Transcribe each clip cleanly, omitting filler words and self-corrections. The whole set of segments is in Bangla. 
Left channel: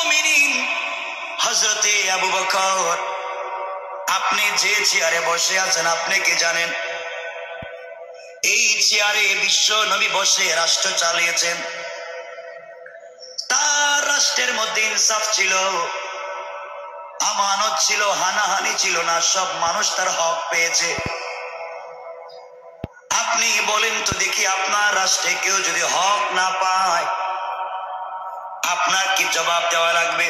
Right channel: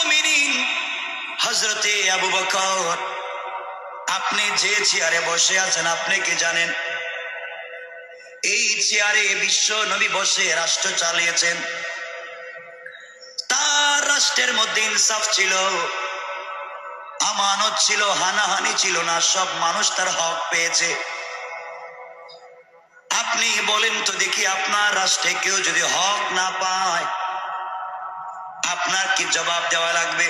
মুমিনিন হযরতে আবু বকর, আপনি যে চেয়ারে বসে আছেন আপনি কি জানেন এই চেয়ারে বিশ্ব নবী বসে রাষ্ট্র চালিয়েছেন? তার রাষ্ট্রের মধ্যে ইনসাফ ছিল, আমানত ছিল, হানাহানি ছিল না, সব মানুষ তার হক পেয়েছে। আপনি বলেন তো দেখি, আপনার রাষ্ট্রে কেউ যদি হক না পায় আপনার কি জবাব দেওয়া লাগবে?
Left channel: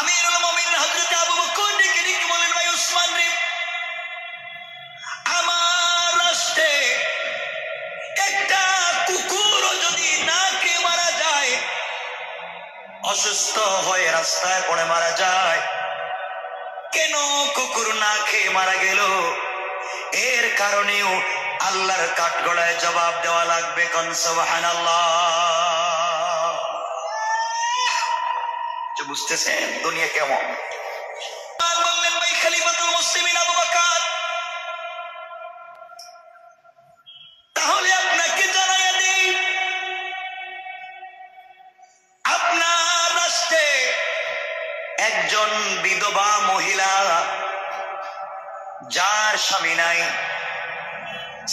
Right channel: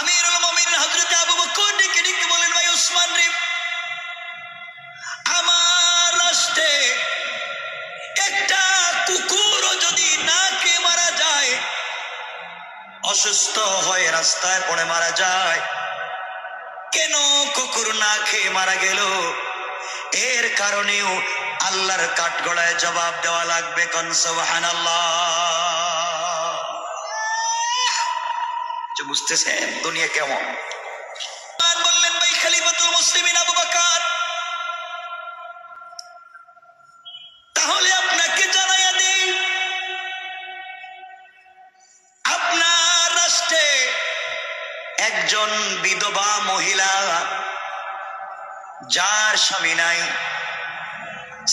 আমিরুল মুমিনিন হযরত আবু বকর ডেকে ডেকে বলেন, ভাই ওসমান রে, আমার রাষ্ট্রে একটা কুকুরও যদি না খেয়ে মারা যায়, অসুস্থ হয়ে রাস্তায় পড়ে মারা যায়, কেন কুকুর না খেয়ে মারা গেল? এর কারণেও আল্লাহর কাঠগড়ায় জবাব দেওয়া লাগবে। কোন সুবহানাল্লাহ। বুঝতেছেন দুনিয়া কেমন? বললেন, ভাই খলিফাতুল মুসলিমিন আবু বকর, তাহলে আপনাকে জানাইয়া দিই, আপনার রাষ্ট্রে একজন বিধবা মহিলা, যার স্বামী নাই,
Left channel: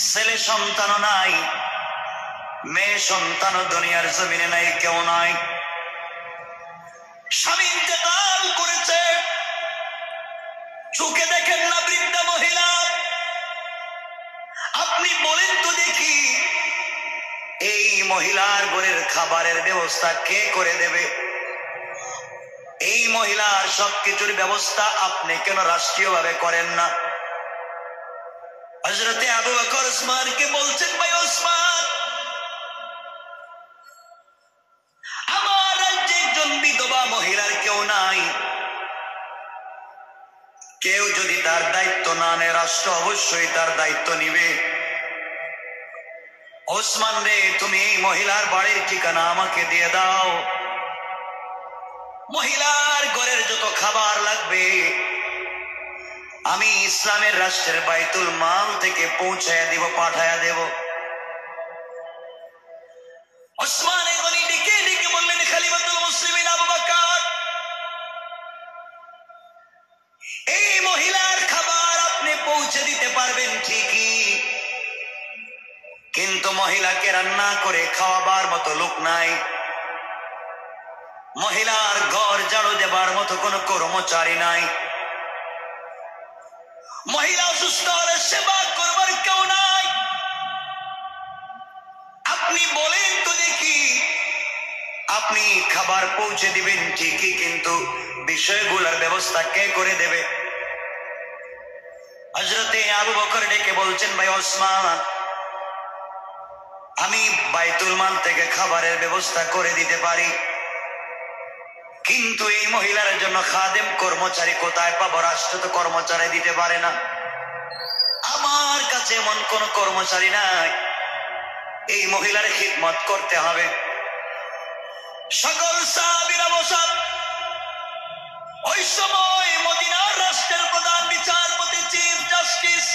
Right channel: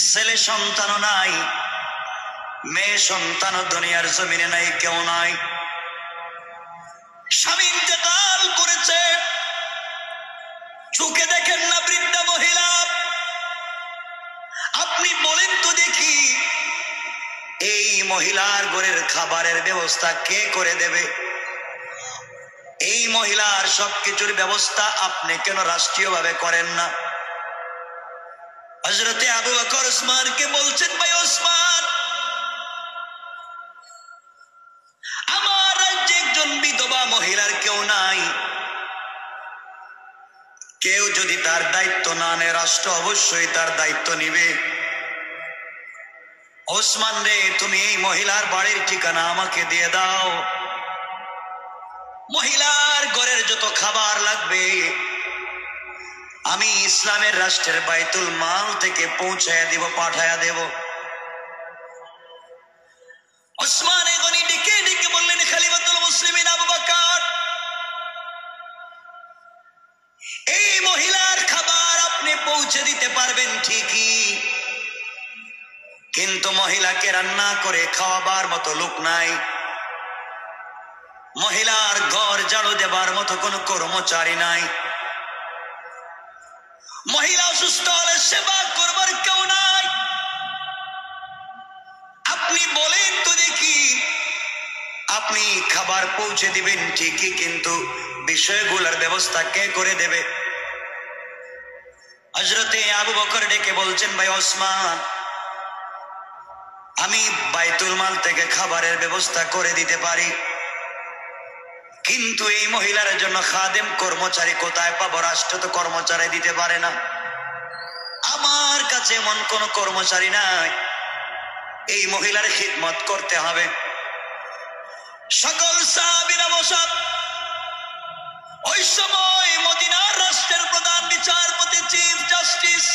ছেলে সন্তানও নাই, মেয়ে সন্তানও দুনিয়ার জমিনে নাই, কেউ নাই, স্বামী ইন্তেকাল করেছে, চোখে দেখেন না বৃদ্ধা মহিলা, আপনি বলেন তো দেখি এই মহিলার ঘরের খাবারের ব্যবস্থা কে করে দেবে? এই মহিলার সবকিছুর ব্যবস্থা আপনি কেন রাষ্ট্রীয়ভাবে করেন না? হযরতে আবু বকর ওসমানকে বলছেন, ভাই ওসমান, আমার রাজ্যে একজন বিধবা মহিলার কেউ নাই, কেউ যদি তার দায়িত্ব না নেয় রাষ্ট্র অবশ্যই তার দায়িত্ব নিবে। ওসমান রে, তুমি এই মহিলার বাড়ির ঠিকানা আমাকে দিয়ে দাও, মহিলার ঘরের যত খাবার লাগবে আমি ইসলামের রাষ্ট্রের বাইতুল মাল থেকে পৌঁছায়া দিব, পাঠায়া দেব। ওসমান গনি ডেকে ডেকে বললেন, খলিফাতুল মুসলিমিন আবু বকর, এই মহিলার খাবার আপনি পৌঁছে দিতে পারবেন ঠিকই, কিন্তু মহিলাকে রান্না করে খাওয়াবার মতো লোক নাই, মহিলার ঘর ঝাড়ু দেবার মতো কোনো কর্মচারী নাই, মহিলা অসুস্থ হলে সেবা করবার কেউ নাই, আপনি বলেন তো দেখি, আপনি খাবার পৌঁছে দিবেন ঠিকই, কিন্তু বিষয়গুলোর ব্যবস্থা কে করে দেবে? হযরতে আবু বকর ডেকে বলছেন, ভাই ওসমান, আমি বাইতুল মাল থেকে খাবারের ব্যবস্থা করে দিতে পারি, কিন্তু এই মহিলার জন্য খাদেম কর্মচারী কোথায় পাবো? রাষ্ট্র তো কর্মচারী দিতে পারে না, আমার কাছে এমন কোন কর্মচারী নাই, এই মহিলার খিদমত করতে হবে। সকল সাহাবীরা বসা। ওই সময় মদিনার রাষ্ট্রের প্রধান বিচারপতি, চিফ জাস্টিস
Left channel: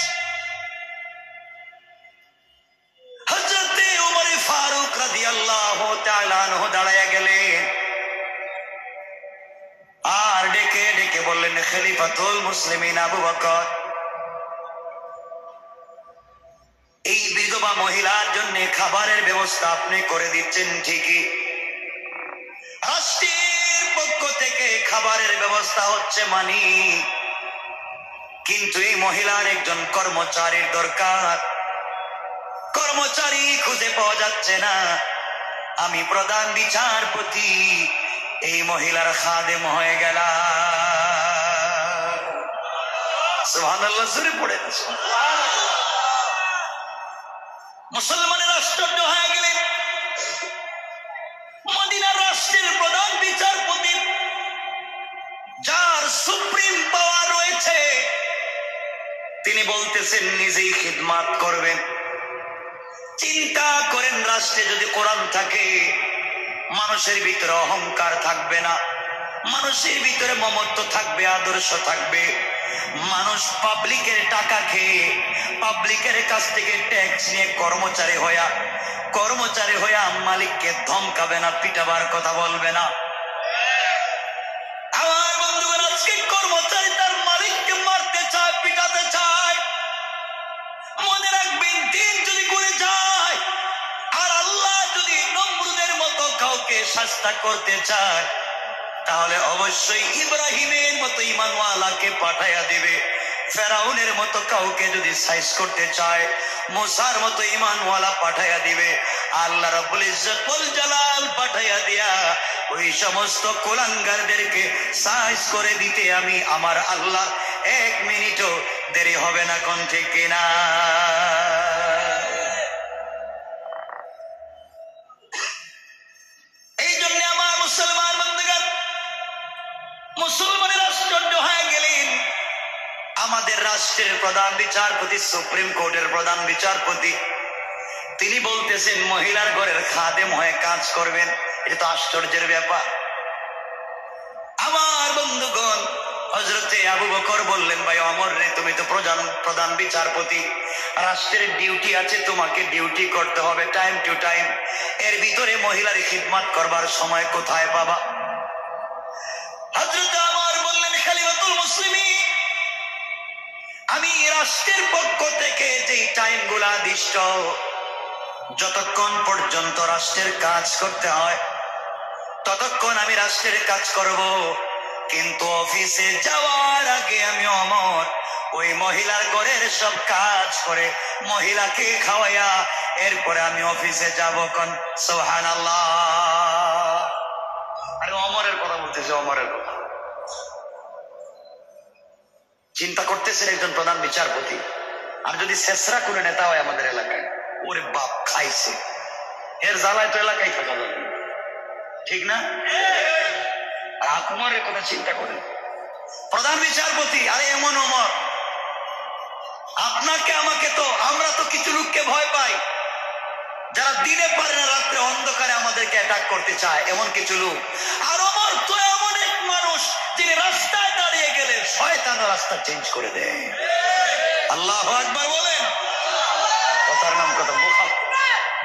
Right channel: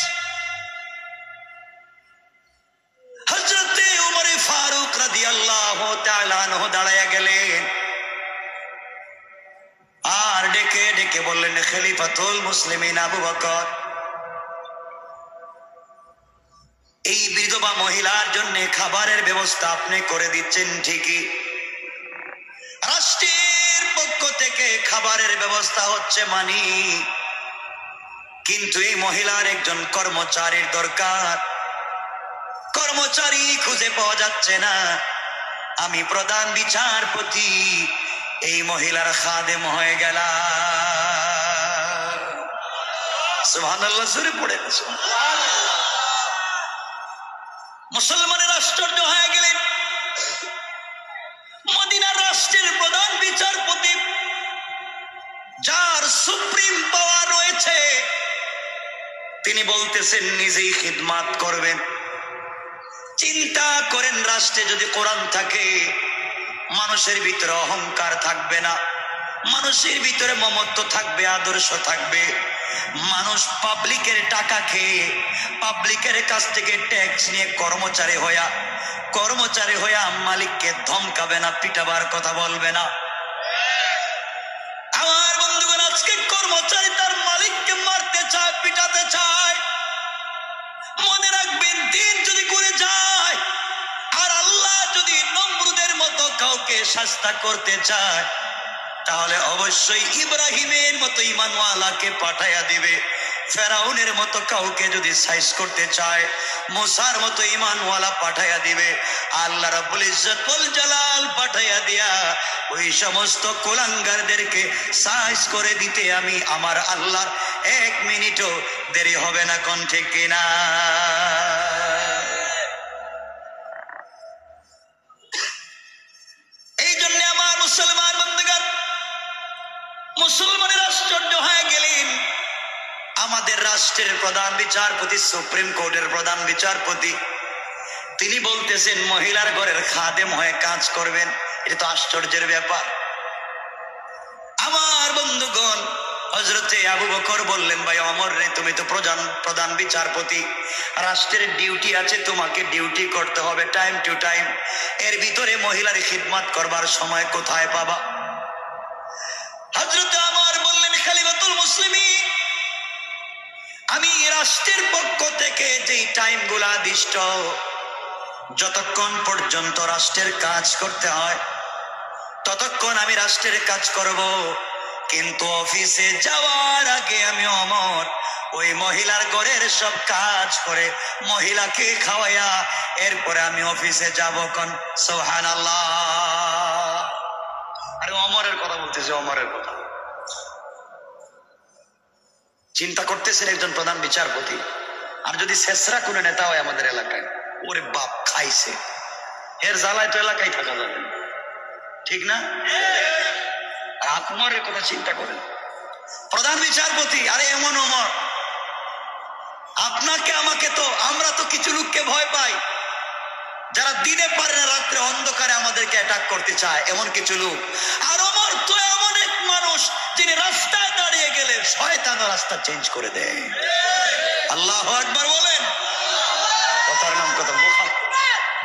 হযরতে উমর ফারুক রাদিয়াল্লাহু তাআলা আনহু দাঁড়ায়া গেলেন আর ডেকে ডেকে বললেন, খলিফাতুল মুসলিমিন আবু বকর, এই বিধবা মহিলার জন্য খাবারের ব্যবস্থা আপনি করে দিচ্ছেন ঠিকই, রাষ্ট্রের পক্ষ থেকে খাবারের ব্যবস্থা হচ্ছে মানি, কিন্তু এই মহিলার একজন কর্মচারীর দরকার, কর্মচারী খুঁজে পাওয়া যাচ্ছে না, আমি প্রধান বিচারপতি এই মহিলার খাদেম হয়ে গেলাম। সুবহানাল্লাহ, জোরে পড়ে না। মুসলমানের আশ্চর্য হয়ে গেলেন, মদিনার রাষ্ট্রের প্রধান বিচারপতি, যার সুপ্রিম পাওয়ার রয়েছে, তিনি বলতেছেন নিজেই খিদমত করবেন। চিন্তা করেন, রাষ্ট্রে যদি কোরআন থাকে মানুষের ভিতরে অহংকার থাকবে না, মানুষের ভিতরে মমত্ব থাকবে, আদর্শ থাকবে, মানুষ পাবলিকের টাকা খেয়ে পাবলিকের কাছ থেকে ট্যাক্স নিয়ে কর্মচারী হইয়া মালিককে ধমকাবে না, পিটাবার কথা বলবে না। আমার বন্ধুগণ, আজকে কর্মচারী তার মালিককে মারতে চায়, পিটাতে চায়। মনে রাখবেন, দিন যদি করে যায় আর আল্লাহ যদি নমরুদের মতো কাউকে শাস্তা করতে চায়, তাহলে অবশ্যই ইব্রাহিমের মতো ঈমানওয়ালাকে পাঠাইয়া দিবে। ফেরাউনের মতো কাউকে যদি সাইজ করতে চায়, মুসার মতো ঈমানওয়ালা পাঠাইয়া দিবে। আল্লাহ রাব্বুল ইজ্জত ওয়াল জালাল পাঠাইয়া দিয়া ওই সমস্ত কুলাঙ্গারদেরকে সাইজ করে দিতে আমি আমার আল্লাহর 1 মিনিটও দেরি হবে না। কোন ঠিক কিনা? এই জন্য আমার মুসলমান বন্ধুগণ, মুসলমানের আশ্চর্য হয়ে গেলেন। আমাদের রাষ্ট্রের প্রধান বিচারপতি, সুপ্রিম কোর্টের প্রধান বিচারপতি, তিনি বলতেছেন মহিলার ঘরের খাদেম হয়ে কাজ করবেন। এটা তো আশ্চর্যের ব্যাপার। আমার বন্ধুগণ, হযরতে আবু বকর বললেন, ভাই ওমর রে, তুমি তো প্রধান বিচারপতি, রাষ্ট্রের ডিউটি আছে, তোমাকে ডিউটি করতে হবে টাইম টু টাইম। এর ভিতরে মহিলার খিদমত করবার সময় কোথায় পাবা? হযরত ওমর বললেন, খলিফাতুল মুসলিমিন, আমি রাষ্ট্রের পক্ষ থেকে যেই টাইমগুলো দিষ্ট, যতক্ষণ পর্যন্ত রাষ্ট্রের কাজ করতে হয় ততক্ষণ আমি রাষ্ট্রের কাজ করব, কিন্তু অফিসে যাওয়ার আগে আমি ওমর ওই মহিলার ঘরের সব কাজ করে মহিলাকে খাওয়াইয়া এরপরে আমি অফিসে যাব। কোন সুবহানাল্লাহ। আরে ওমরের কথা বলতেছে, ওমরের কথা। চিন্তা করতেছেন একজন প্রধান বিচারপতি, আর যদি শেষরা কোন নেতা হয় আমাদের এলাকায়, ওরে বাপ খাইছে, এর জ্বালায় তো এলাকায় থাকা যাবে, ঠিক না? আর ওমরের কথা চিন্তা করেন, প্রধান বিচারপতি। আরে এমন ওমর, আপনাকে আমাকে তো, আমরা তো কিছু লোককে ভয় পাই যারা দিনে পারে না, রাত্রে অন্ধকারে আমাদেরকে অ্যাটাক করতে চায়, এমন কিছু লোক। আর ওমর তো এমন এক মানুষ যিনি রাস্তায় দাঁড়িয়ে গেলে শয়তান রাস্তা চেঞ্জ করে দেয়। আল্লাহু আকবার বলেন। কথার নাম কথা।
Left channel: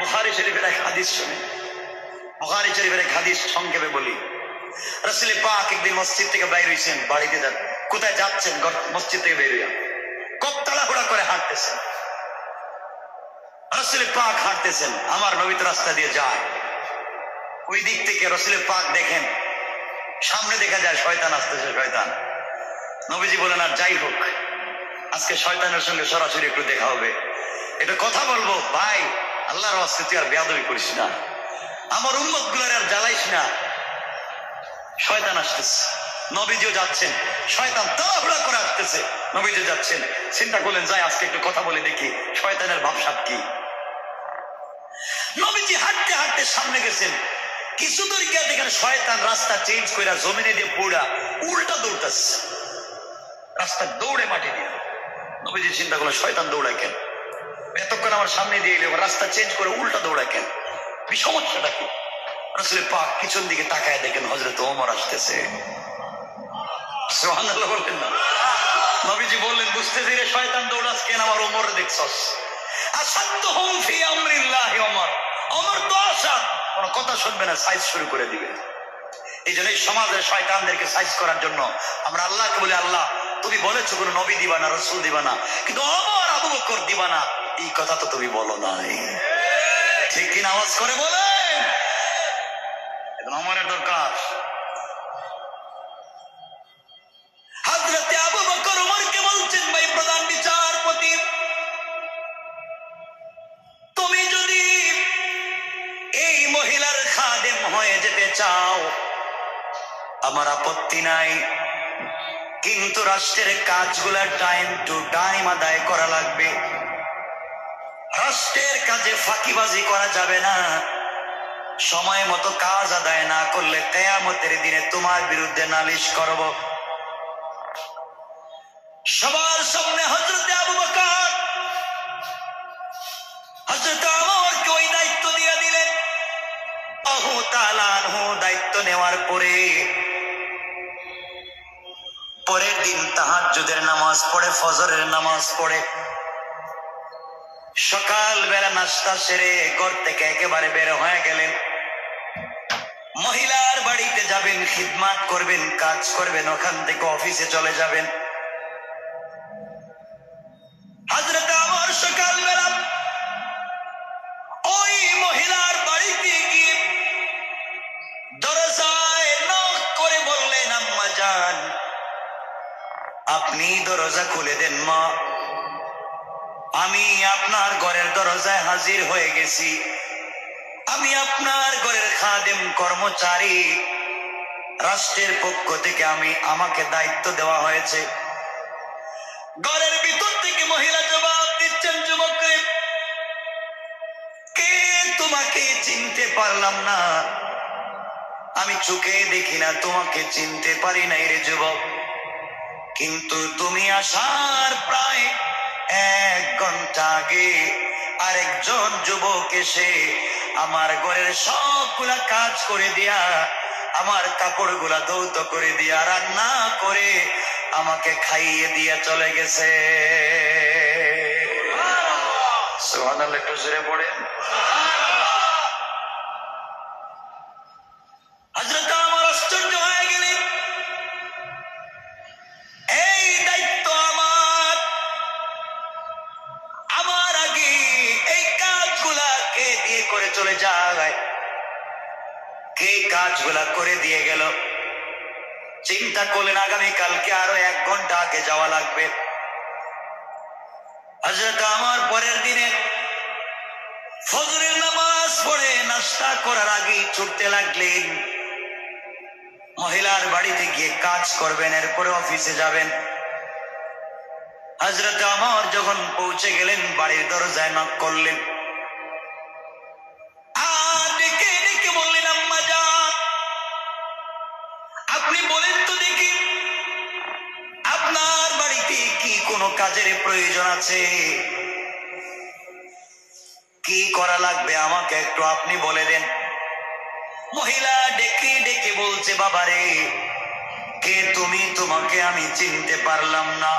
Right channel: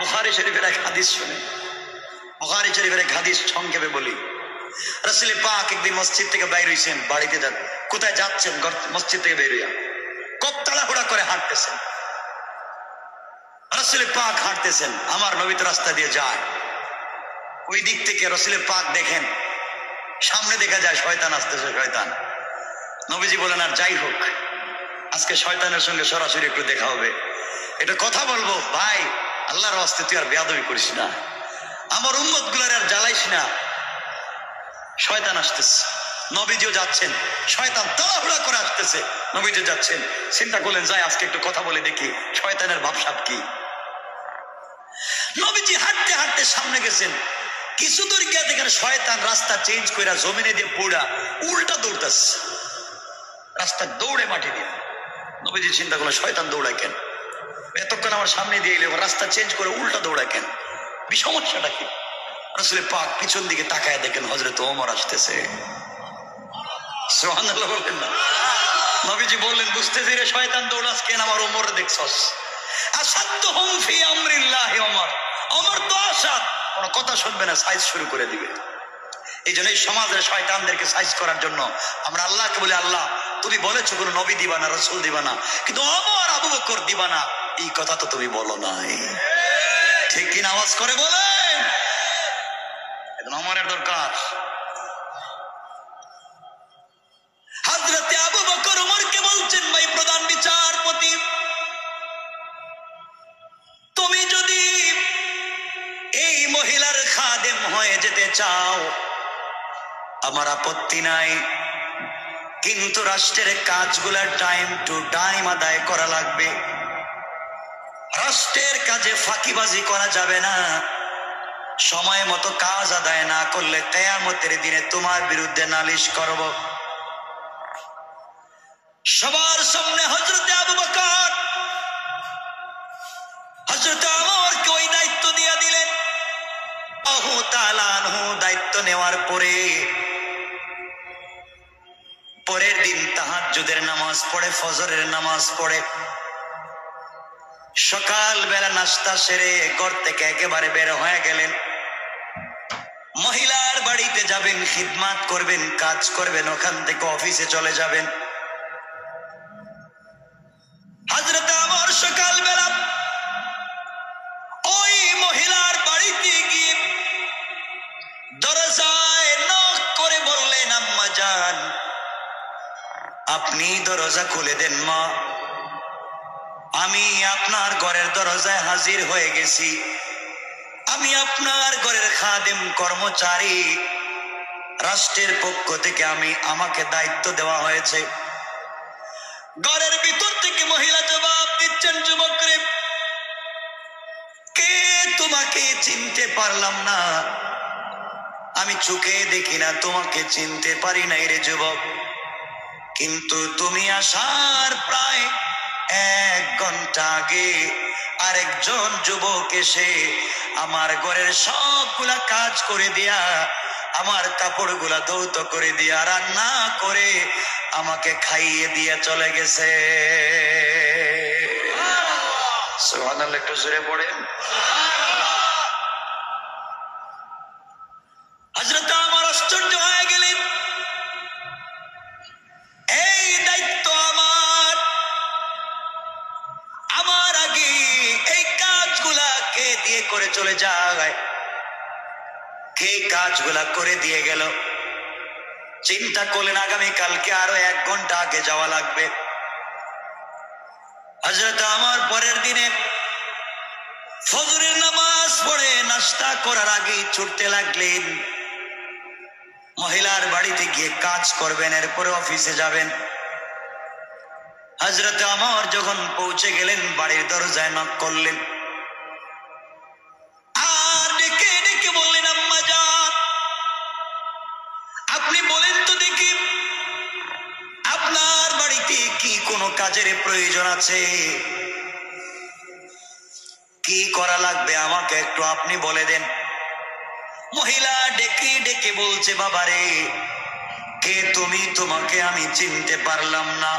বুখারী শরীফের এক হাদিস শুনে, বুখারী শরীফের এক হাদিস সংক্ষেপে বলি। রাসূল পাক একদিন মসজিদ থেকে বাইর হইছেন, বাড়িতে যান, কোথায় যাচ্ছেন? মসজিদ থেকে বের হইয়া খুব তাড়াহুড়া করে হাঁটতেছেন। রাসূল পাক হাঁটতেছেন, আমার নবী তো রাস্তা দিয়ে যায়। ওই দিক থেকে রাসূল পাক দেখেন, সামনে দেখা যায় শয়তান আসতেছে, শয়তান। নবীজি বলেন, আর যাই হোক, আজকে শয়তানের সঙ্গে সরাসরি একটু দেখা হবে, এটা কথা বলবো। ভাই, আল্লাহর রাস্তায় তুই আর বেয়াদবি করিস না, আমার উম্মত গুলার আর জ্বালাইস না, শয়তান আসতেছে। নবীজিও যাচ্ছেন, শয়তান তাড়াহুড়া করে আসতেছে, নবীজি যাচ্ছেন। চিন্তা করলেন, যাই আজকে একটু কথা বলে দেখি শয়তানের ভাবসাব কি। নবীজি হাঁটতে হাঁটতে সামনে গেছেন, কিছু দূর গিয়ে দেখেন শয়তান রাস্তা চেঞ্জ করে জমিনে দিয়ে পোড়া উল্টা দৌড়তেছে, রাস্তা দৌড়ে মাটি দিয়ে। নবীজি চিন্তা করলেন, শয়তান দৌড়ায় কেন? এতক্ষণ আমার সামনে দিয়ে এলে রাস্তা চেঞ্জ করে উল্টা দৌড়ায় কেন? সমস্যাটা কি? রাসূল পাক পিছন দিকে তাকায় দেখেন হযরত ওমর আসতেছে। সুবহানাল্লাহ বললেন না? নবীজি বললেন, বুঝতে ধীরে শয়তান দৌড়াস কেন? আমার ওমর দেখছস, আসাদুহুম ফি আমরিল্লাহ। ওমর, ওমর তো আসাদ, কোনো কথা শুনবে না, সাইজ শুরু করে দিবে। এই জন্য এই সমাজের শয়তানদেরকে সাইজ করার জন্য আমরা আল্লাহকে বলি, আল্লাহ তুমি বলেছো কোনো নবী দিবা না, রাসূল দিবা না, কিন্তু ওমর আবু বকর দিবা না, এই কথা তো তুমি বলো নাই। ঠিক কিনা? আওয়াজ করে বলেন। এখন ওমরের দরকার। হযরতে আবু বকর ওমরকে বলছেন, ভাই প্রধান বিচারপতি, তুমি যদি এই মহিলার খাদেম হয়ে যেতে চাও আমার আপত্তি নাই, কিন্তু রাষ্ট্রের কাজগুলা টাইম টু টাইম আদায় করা লাগবে। রাষ্ট্রের কাজে ফাঁকিবাজি করা যাবে না। সময় মতো কাজ আদায় না করলে কিয়ামতের দিনে তোমার বিরুদ্ধে নালিশ করব। সবার সামনে হযরতে আবু বকর হযরত ওমরকে ওই দায়িত্ব দিয়ে দিলেন। আল্লাহু তাআলা দায়িত্ব নেওয়ার পরে পরের দিন দিন তাহাজ্জুদের নামাজ পড়ে, ফজরের নামাজ পড়ে, সকাল বেলা নাস্তা সেরে ঘর থেকে একেবারে বের হয়ে গেলেন। মহিলার বাড়িতে যাবেন, খিদমাত করবেন, কাজ করবেন, ওখান থেকে অফিসে চলে যাবেন। হযরত ওমর সকাল বেলা ওই মহিলার বাড়িতে গিয়ে দরজায় নক করে বললেন, আম্মা জান, আপনি দরজা খুলে দেন মা, আমি আপনার ঘরের দরজায় হাজির হয়ে গেছি। আমি আপনার ঘরের খাদেম, কর্মচারী, রাষ্ট্রের পক্ষ থেকে আমাকে দায়িত্ব দেওয়া হয়েছে। ঘরের ভিতর থেকে মহিলা জবাব দিচ্ছেন, যুবক রে, কে তোমাকে চিনতে পারলাম না, আমি চোখে দেখি না, তোমাকে চিনতে পারি নাই রে যুবক, কিন্তু তুমি আসার প্রায় 1 ঘন্টা আগে আরেকজন যুবক এসে আমার ঘরের সবগুলা কাজ করে দিয়া, আমার কাপড়গুলা ধৌত করে দিয়া, রান্না করে আমাকে খাইয়ে দিয়া চলে গেছে। সুবহানাল্লাহ, একটু জোরে পড়েন। হযরত ওমর আশ্চর্য হয়ে গেলেন, এই দায়িত্ব আমার আগে এই কাজগুলা কে দিয়ে করে চলে যায়, কে কাজগুলা করে দিয়ে গেল? চিন্তা করলেন আগামীকালকে আরো 1 ঘন্টা আগে যাওয়া লাগবে। হযরত ওমর পরের দিনে ফজরের নামাজ পড়ে নাস্তা করার আগে ছুটতে লাগলেন, মহিলার বাড়িতে গিয়ে কাজ করবেন, এরপরে অফিসে যাবেন। হযরত ওমর যখন পৌঁছে গেলেন, বাড়ির দরজায় নক করলেন, আর ডেকে ডেকে বললেন, আম্মা জান, আপনি বলেন তো দেখি, আপনার বাড়িতে কি কোনো কাজের প্রয়োজন আছে? কি করা লাগবে আমাকে একটু আপনি বলে দেন। মহিলা ডেকে ডেকে বলছে, বাবারে, কে তুমি? তোমাকে আমি চিনতে পারলাম না,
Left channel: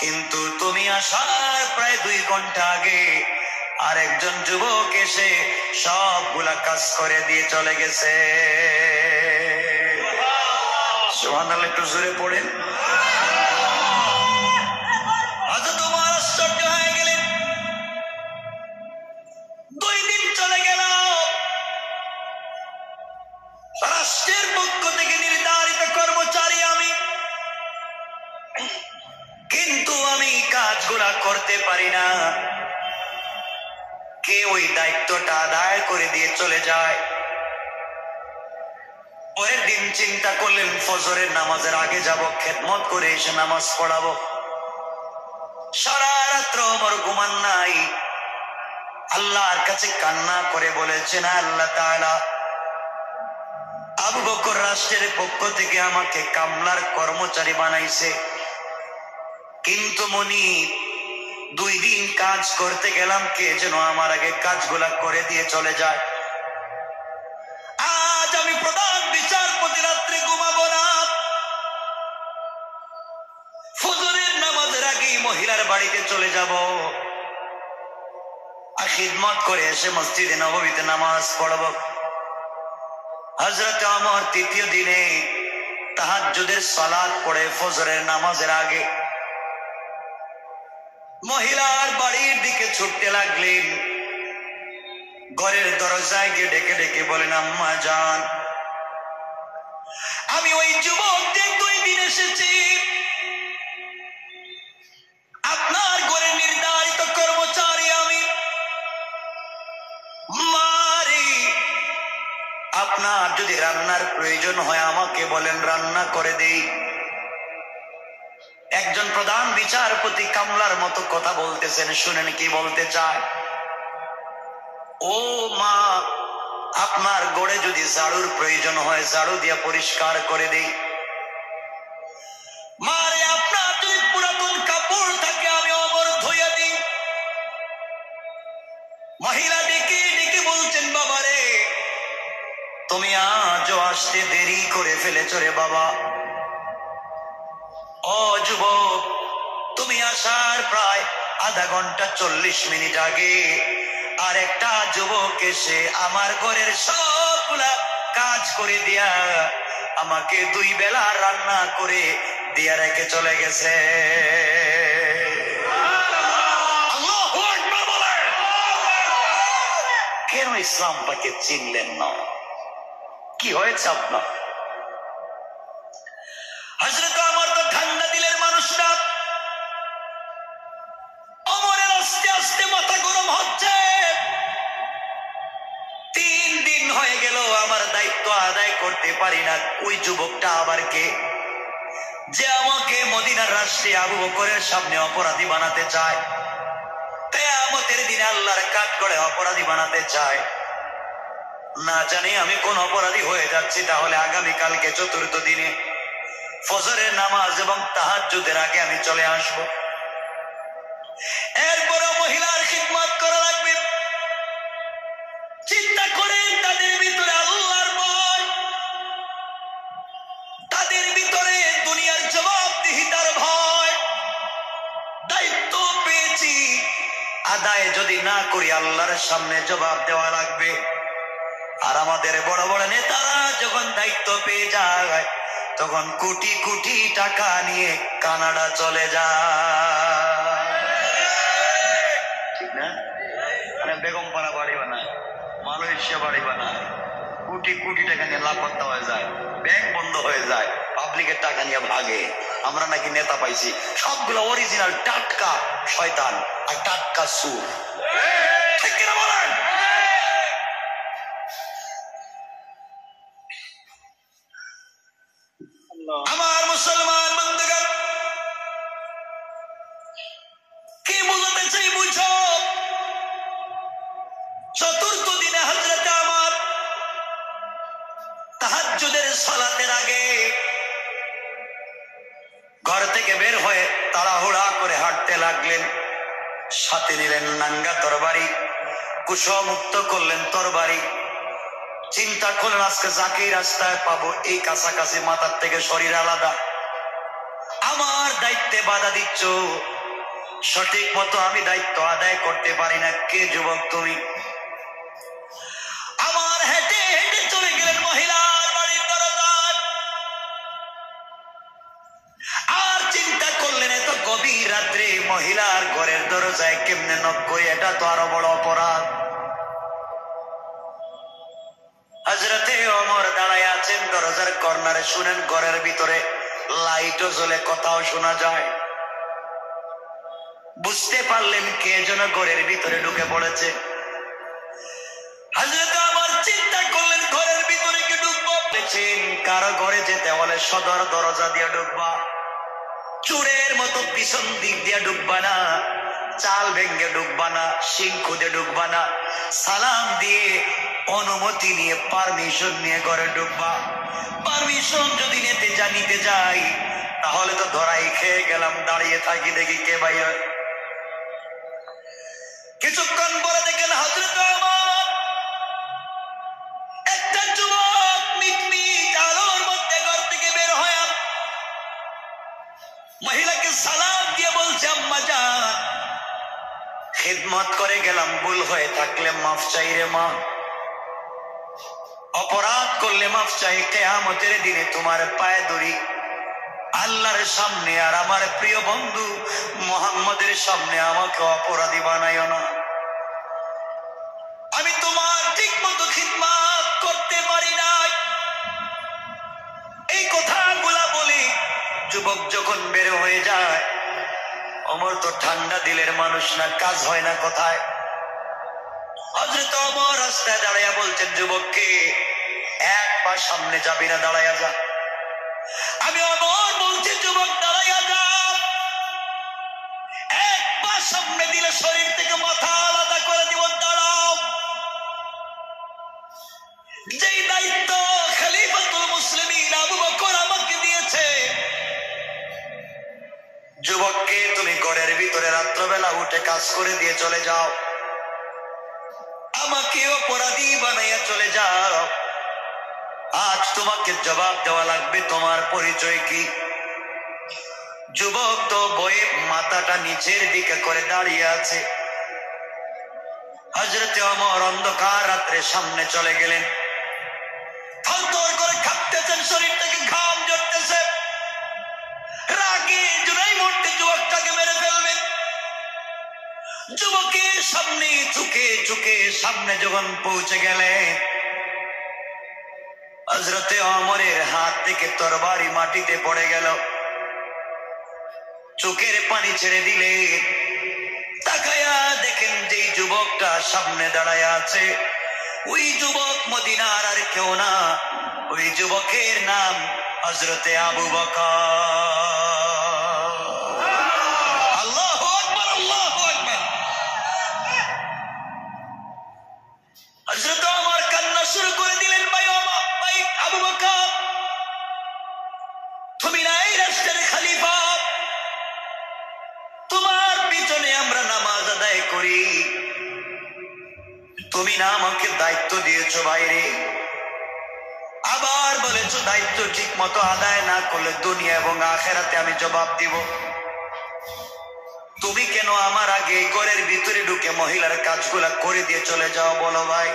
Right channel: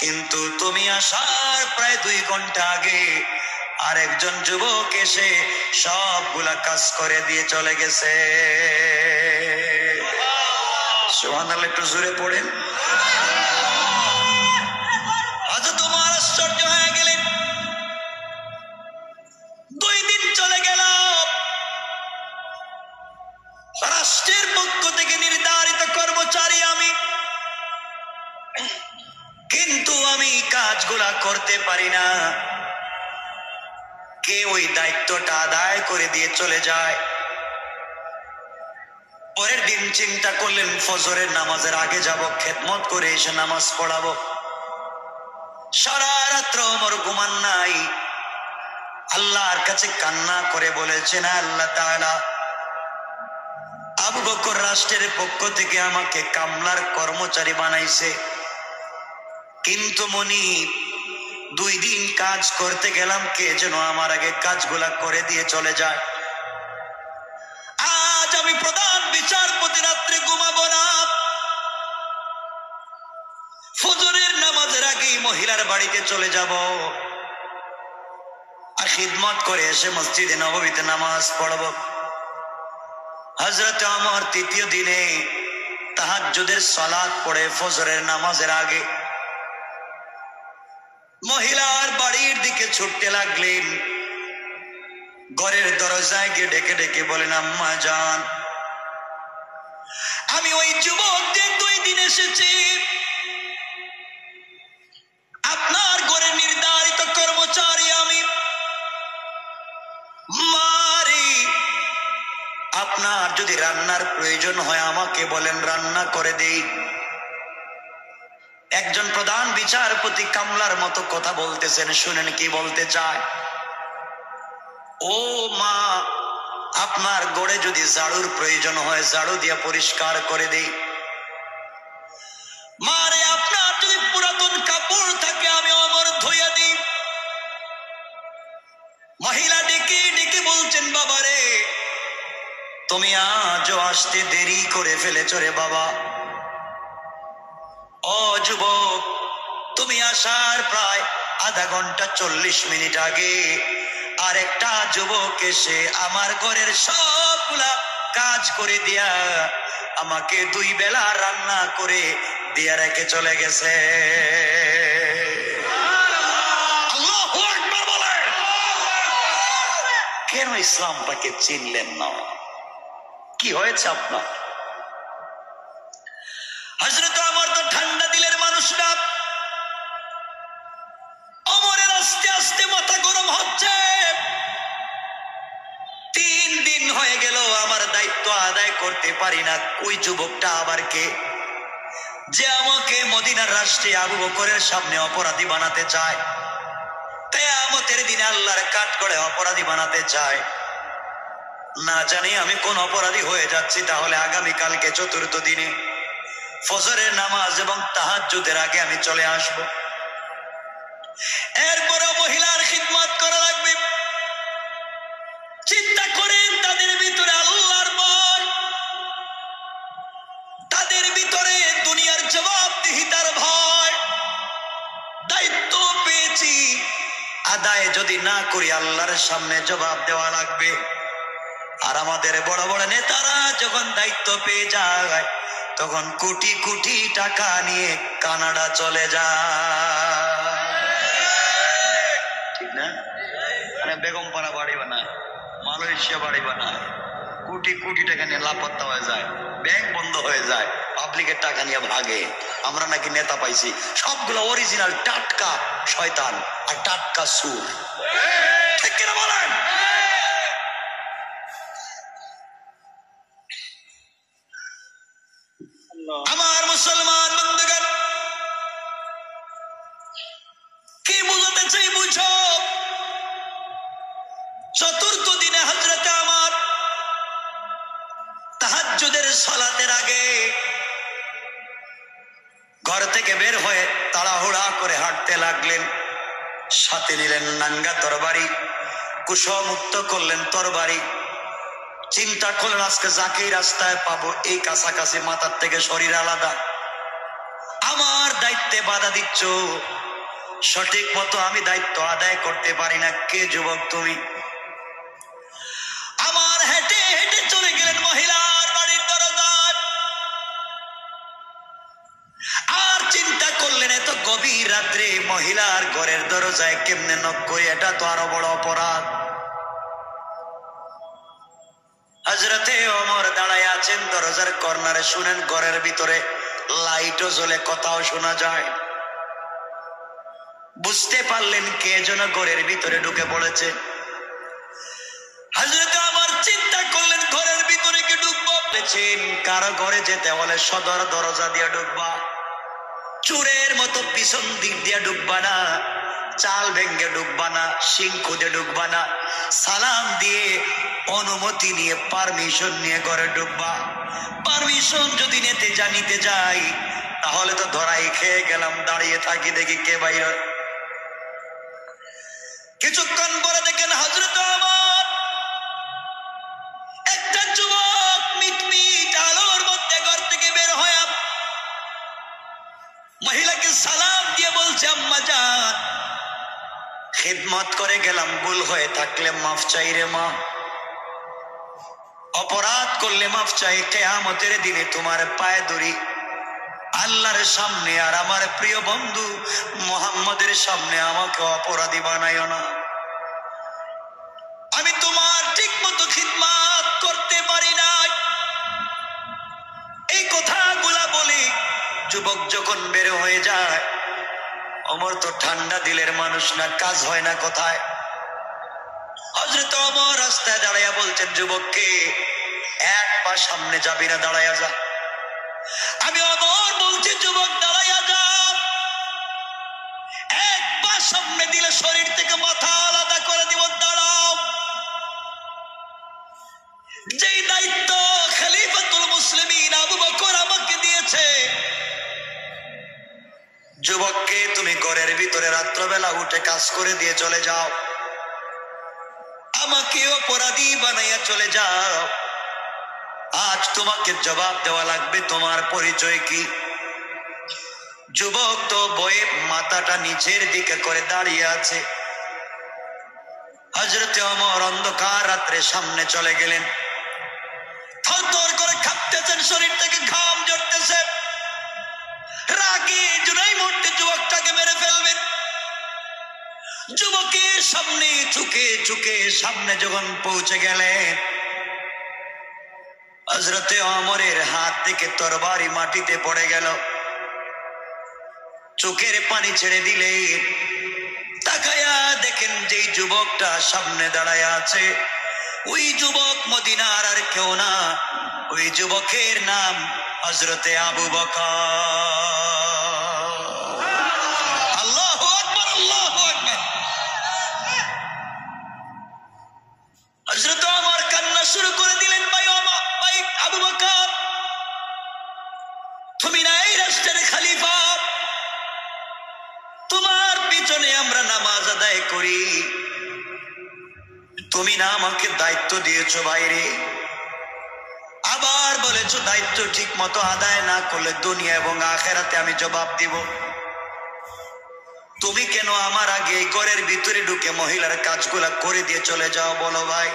কিন্তু তুমি আসার প্রায় 2 ঘন্টা আগে আরেকজন যুবক এসে সবগুলা কাজ করে দিয়ে চলে গেছে। সুবহানাল্লাহ, একটু জোরে পড়েন। হযরত ওমর আশ্চর্য হয়ে গেলেন। 2 দিন চলে গেল, রাষ্ট্রের পক্ষ থেকে নির্ধারিত কর্মচারী আমি, কিন্তু আমি কাজগুলা করতে পারি না। কে ওই দায়িত্বটা আদায় করে দিয়ে চলে যায়? পরের দিন চিন্তা করলেন, ফজরের নামাজের আগে যাব, খেদমত করে এসে নামাজ পড়াবো। সারা রাত্র ওমর ঘুমান নাই, আল্লাহর কাছে কান্না করে বলেছেন, আল্লাহ তাআলা, আবু বকর রাষ্ট্রের পক্ষ থেকে আমাকে কামলার কর্মচারী বানাইছে, কিন্তু মনি 2 দিন কাজ করতে গেলাম, কে যেন আমার আগে কাজগুলা করে দিয়ে চলে যায়। আজ আমি প্রধান বিচারপতি, রাত্রে ঘুমাবো না, ফজরের নামাজের আগে মহিলার বাড়িতে চলে যাব, আর খিদমত করে এসে মসজিদে নববীতে নামাজ পড়ব। হযরত ওমর 3য় দিনে তাহাজ্জুদের সালাত পড়ে ফজরের নামাজের আগে মহিলার বাড়ির দিকে ছুটতে লাগলেন। ঘরের দরজায় গিয়ে ডেকে ডেকে বলেন, আম্মা জান, আমি ওই যুবক যে 2 দিন এসেছি, আপনার ঘরের নির্ধারিত কর্মচারী আমি। মারি, আপনার যদি রান্নার প্রয়োজন হয় আমাকে বলেন, রান্না করে দেই। একজন প্রধান বিচারপতি কামলার মতো কথা বলতেছেন, শুনেন কি বলতে চায়। ও মা, আপনার গড়ে যদি ঝাড়ুর প্রয়োজন হয়, ঝাড়ু দিয়ে পরিষ্কার করে দেই। মারে, আপনার যদি পুরাতন কাপড় থাকে আমি ওমর ধুইয়া দিই। মহিলা ডেকে ডেকে বলছেন, বাবারে, তুমি আজও আসতে দেরি করে ফেলেছ রে বাবা। ও যুবক, তুমি আসার প্রায় আধা ঘন্টা 40 মিনিট আগে আরেকটা যুবক এসে আমার ঘরের সবগুলা কাজ করে দিয়া আমাকে 2 বেলা রান্না করে দিয়া রেখে চলে গেছে। আল্লাহু আকবার বলেন। কেন ইসলামটাকে চিনলেন না? কি হয়েছে আপনার? হযরত আমার তো ঠান্ডা দিলের মানুষরা, অমরের আস্তে আস্তে মাথা গরম হচ্ছে। 3 দিন হয়ে গেল আমার দায়িত্ব আদায় করতে পারি না। ওই যুবকটা আবার কে, যে আমাকে মদিনার রাষ্ট্রে আবু বকরের সামনে অপরাধী বানাতে চায়, কিয়ামতের দিনে আল্লাহর কাঠগড়ে অপরাধী বানাতে চায়। না জানি আমি কোন অপরাধী হয়ে যাচ্ছি। তাহলে আগামীকালকে চতুর্থ দিনে ফজরের নামাজ এবং তাহাজ্জুদের আগে আমি চলে আসব। এরপরও মহিলার খিদমত করা লাগবে। চিন্তা করেন, তাদের ভিতরে আল্লাহর ভয়, তাদের ভিতরে দুনিয়ার জবাবদিহিতার ভয়। দায়িত্ব পেয়েছি, আদায় যদি না করি আল্লাহর সামনে জবাব দেওয়া লাগবে। আর আমাদের বড় বড় নেতারা যখন দায়িত্ব পেয়ে যায় তখন কোটি কোটি টাকা নিয়ে কানাডা চলে যায়, ঠিক না? মানে বেগমপাড়া বাড়ি বানায়, মালয়েশিয়া বাড়ি বানায়, কোটি কোটি টাকা নিয়ে লাপাত্তা হয়ে যায়, ব্যাংক বন্ধ হয়ে যায়, পাবলিকের টাকা নিয়ে ভাগে। আমরা নাকি নেতা পাইছি, সবগুলো অরিজিনাল টাটকা শয়তান আর টাটকা সুর, ঠিক কিনা বলেন? আমার মুসলমান বন্ধুগণ, কি বুঝাতে চাই বুঝো। চতুর্থ দিনে হযরতে আমার তাহাজ্জুদের সালাতের আগে ঘর থেকে বের হয়ে তাড়াহুড়া করে হাঁটতে লাগলেন। সাথে নিলেন নাঙ্গা তরবারি, কুশমুক্ত করলেন তরবারি। চিন্তা করলেন আজকে যাকেই রাস্তায় পাবো এই কাছাকাছি, মাথার থেকে শরীর আলাদা। আমার দায়িত্বে বাধা দিচ্ছ, সঠিক মতো আমি দায়িত্ব আদায় করতে পারি না। কে যুবক তুমি? আমার হেঁটে হেঁটে চলে গেলেন মহিলার বাড়ির দরজায়। আর চিন্তা করলেন এত গভীর রাত্রে মহিলার ঘরের দরজায় কেমনে নক করি, এটা তো আরো বড় অপরাধ। হযরতে ওমর দাঁড়ায় আছেন দরজার কর্নারে। শুনেন, ঘরের ভিতরে লাইটও জ্বলে, কথাও শোনা যায়। বুঝতে পারলেন কে যেন ঘরের ভিতরে ঢুকে পড়েছে। হযরতে ওমর চিন্তা করলেন ঘরের ভিতরে কি ঢুকবো? কারো ঘরে যেতে হলে সদর দরজা দিয়ে ঢুকবা, চোরের মতো পিছন দিক দিয়ে ঢুকবা না, চাল ভেঙ্গে ঢুকবা না, সিং খুদে ঢুকবা না, সালাম দিয়ে অনুমতি নিয়ে পারমিশন নিয়ে ঘরে ঢুকবা। পারমিশন যদি নিতে যাই তাহলে তো ধরাই খেয়ে গেলাম। দাঁড়িয়ে থাকি, দেখি কে বাইরে। কিছুক্ষণ পরে দেখেন হযরতে ওমর একটা যুবক মিটমিট আলোর মধ্যে ঘর থেকে বের হয়ে মহিলাকে সালাম দিয়ে বলছে, আম্মা জান, খিদমত করে গেলাম, ভুল হয়ে থাকলে মাফ চাই রে মা। অপরাধ করলে মাফ চাই। কিয়ামতের দিনে তোমার পায়ে ধরি আল্লাহর সামনে আর আমার প্রিয় বন্ধু মুহাম্মদের সামনে আমাকে অপরাধী বানাইও না। আমি তোমার ঠিক মতো খিদমত করতে পারি নাই। এই কথাগুলা বলি যুবক যখন বের হয়ে যায়, ওমর তো ঠান্ডা দিলের মানুষ না, কাজ হয় না কোথায়। হযরত ওমর রাস্তায় দাঁড়াইয়া বলছেন যুবককে, এক পা সামনে যাবি না, দাঁড়াইয়া যা। আমি ওমর বলছি, যুবক দাঁড়াইয়া যা। এক পা সামনে দিলে শরীর থেকে মাথা আলাদা করে দিব, দাঁড়াও। যেই দায়িত্ব খলিফাতুল মুসলিমিন আবু বকর আমাকে দিয়েছে, যুবককে তুমি ঘরের ভিতরে রাত্রবেলা উঠে কাজ করে দিয়ে চলে যাও, আমাকে অপরাধী বানাইয়া চলে যাও। আজ তোমাকে জবাব দেওয়া লাগবে, তোমার পরিচয় কি? যুবক তো বয়ে মাথাটা নিচের দিকে করে দাঁড়িয়ে আছে। হযরতে ওমর অন্ধকার রাত্রে সামনে চলে গেলেন। থরথর করে কাঁপতেছেন, শরীর থেকে ঘাম ঝরতেছে। রাগে জুনাই মুহূর্তে যুবকটাকে মেরে ফেলবেন। যুবকের সামনে চুকে চুকে সামনে যখন পৌঁছে গেলেন, হযরতে ওমরের হাত থেকে তরবারি মাটিতে পড়ে গেল। চোখের পানি ছেড়ে দিলে তাকায়া দেখেন যে যুবকটা সামনে দাঁড়ায় আছে, ওই যুবক মদিনার আর কেউ না, ওই যুবকের নাম হযরতে আবু বকর। আল্লাহু আকবার, আল্লাহু আকবার। হযরত ওমর কান্না শুরু করে দিলেন, ভাই ওমর, ভাই আবু বকর, তুমি না এই রাষ্ট্রের খলিফা, তোমার পিছনে আমরা নামাজ আদায় করি, তুমি না আমাকে দায়িত্ব দিয়েছো বাইরে, আবার বলেছো দায়িত্ব ঠিক মতো আদায় না করলে দুনিয়া এবং আখেরাতে আমি জবাব দিব। তুমি কেন আমার আগে ঘরের ভিতরে ঢুকে মহিলার কাজগুলা করে দিয়ে চলে যাও বলো ভাই?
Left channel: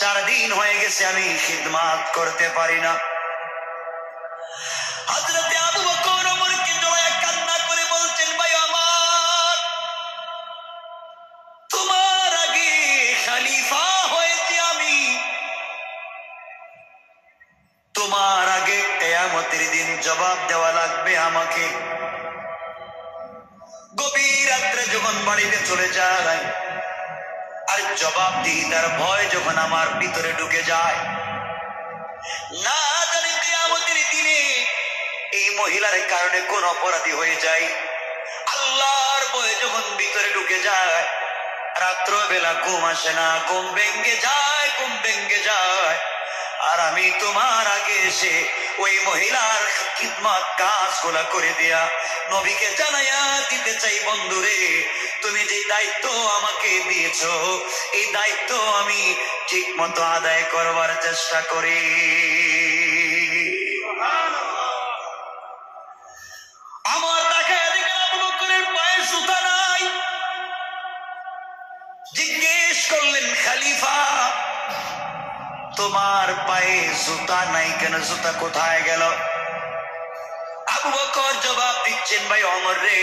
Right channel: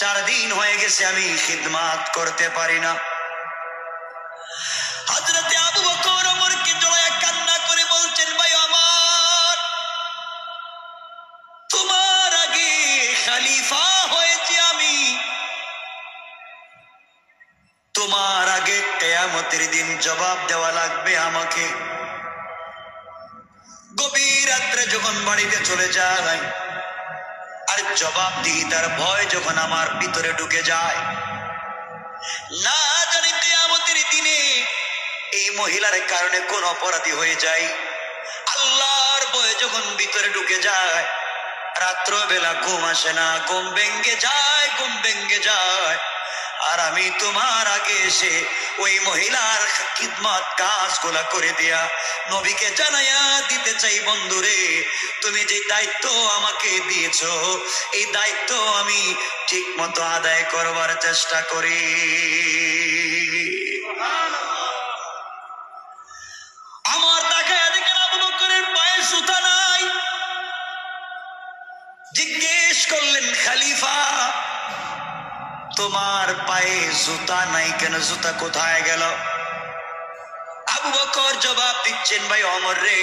4 দিন হয়ে গেছে আমি খিদমাত করতে পারি না। হযরতে আবু বকর ওমরকে জড়ায় কান্না করে বলছেন, ভাই আমার, তোমার আগে খলিফা হয়েছি আমি, তোমার আগে কিয়ামতের দিন জবাব দেওয়া লাগবে আমাকে। গভীর রাত্রে যখন বাড়িতে চলে যায় আর জবাব দিই তার ভয় যখন আমার ভিতরে ঢুকে যায়, না জানি কিয়ামতের দিনে এই মহিলার কারণে কোন অপরাধী হয়ে যায়, আল্লাহর ভয় যখন ভিতরে ঢুকে যায়, রাত্র বেলা ঘুম আসে না, ঘুম ভেঙ্গে যায়, ঘুম ভেঙ্গে যায়। আর আমি তোমার আগে এসে ওই মহিলার খিদমত কাজগুলা করে দিয়া নবীকে জানাইয়া দিতে চাই, বন্ধুরে তুমি যে দায়িত্ব আমাকে দিয়েছো এই দায়িত্ব আমি ঠিক মতো আদায় করবার চেষ্টা করি। আমার তাকায় দেখেন আবু বকরের পায়ে জুতা নাই। জিজ্ঞেস করলেন, খলিফা তোমার পায়ে জুতা নাই কেন, জুতা কোথায় গেল? আবু বকর জবাব দিচ্ছেন, ভাই ওমর রে,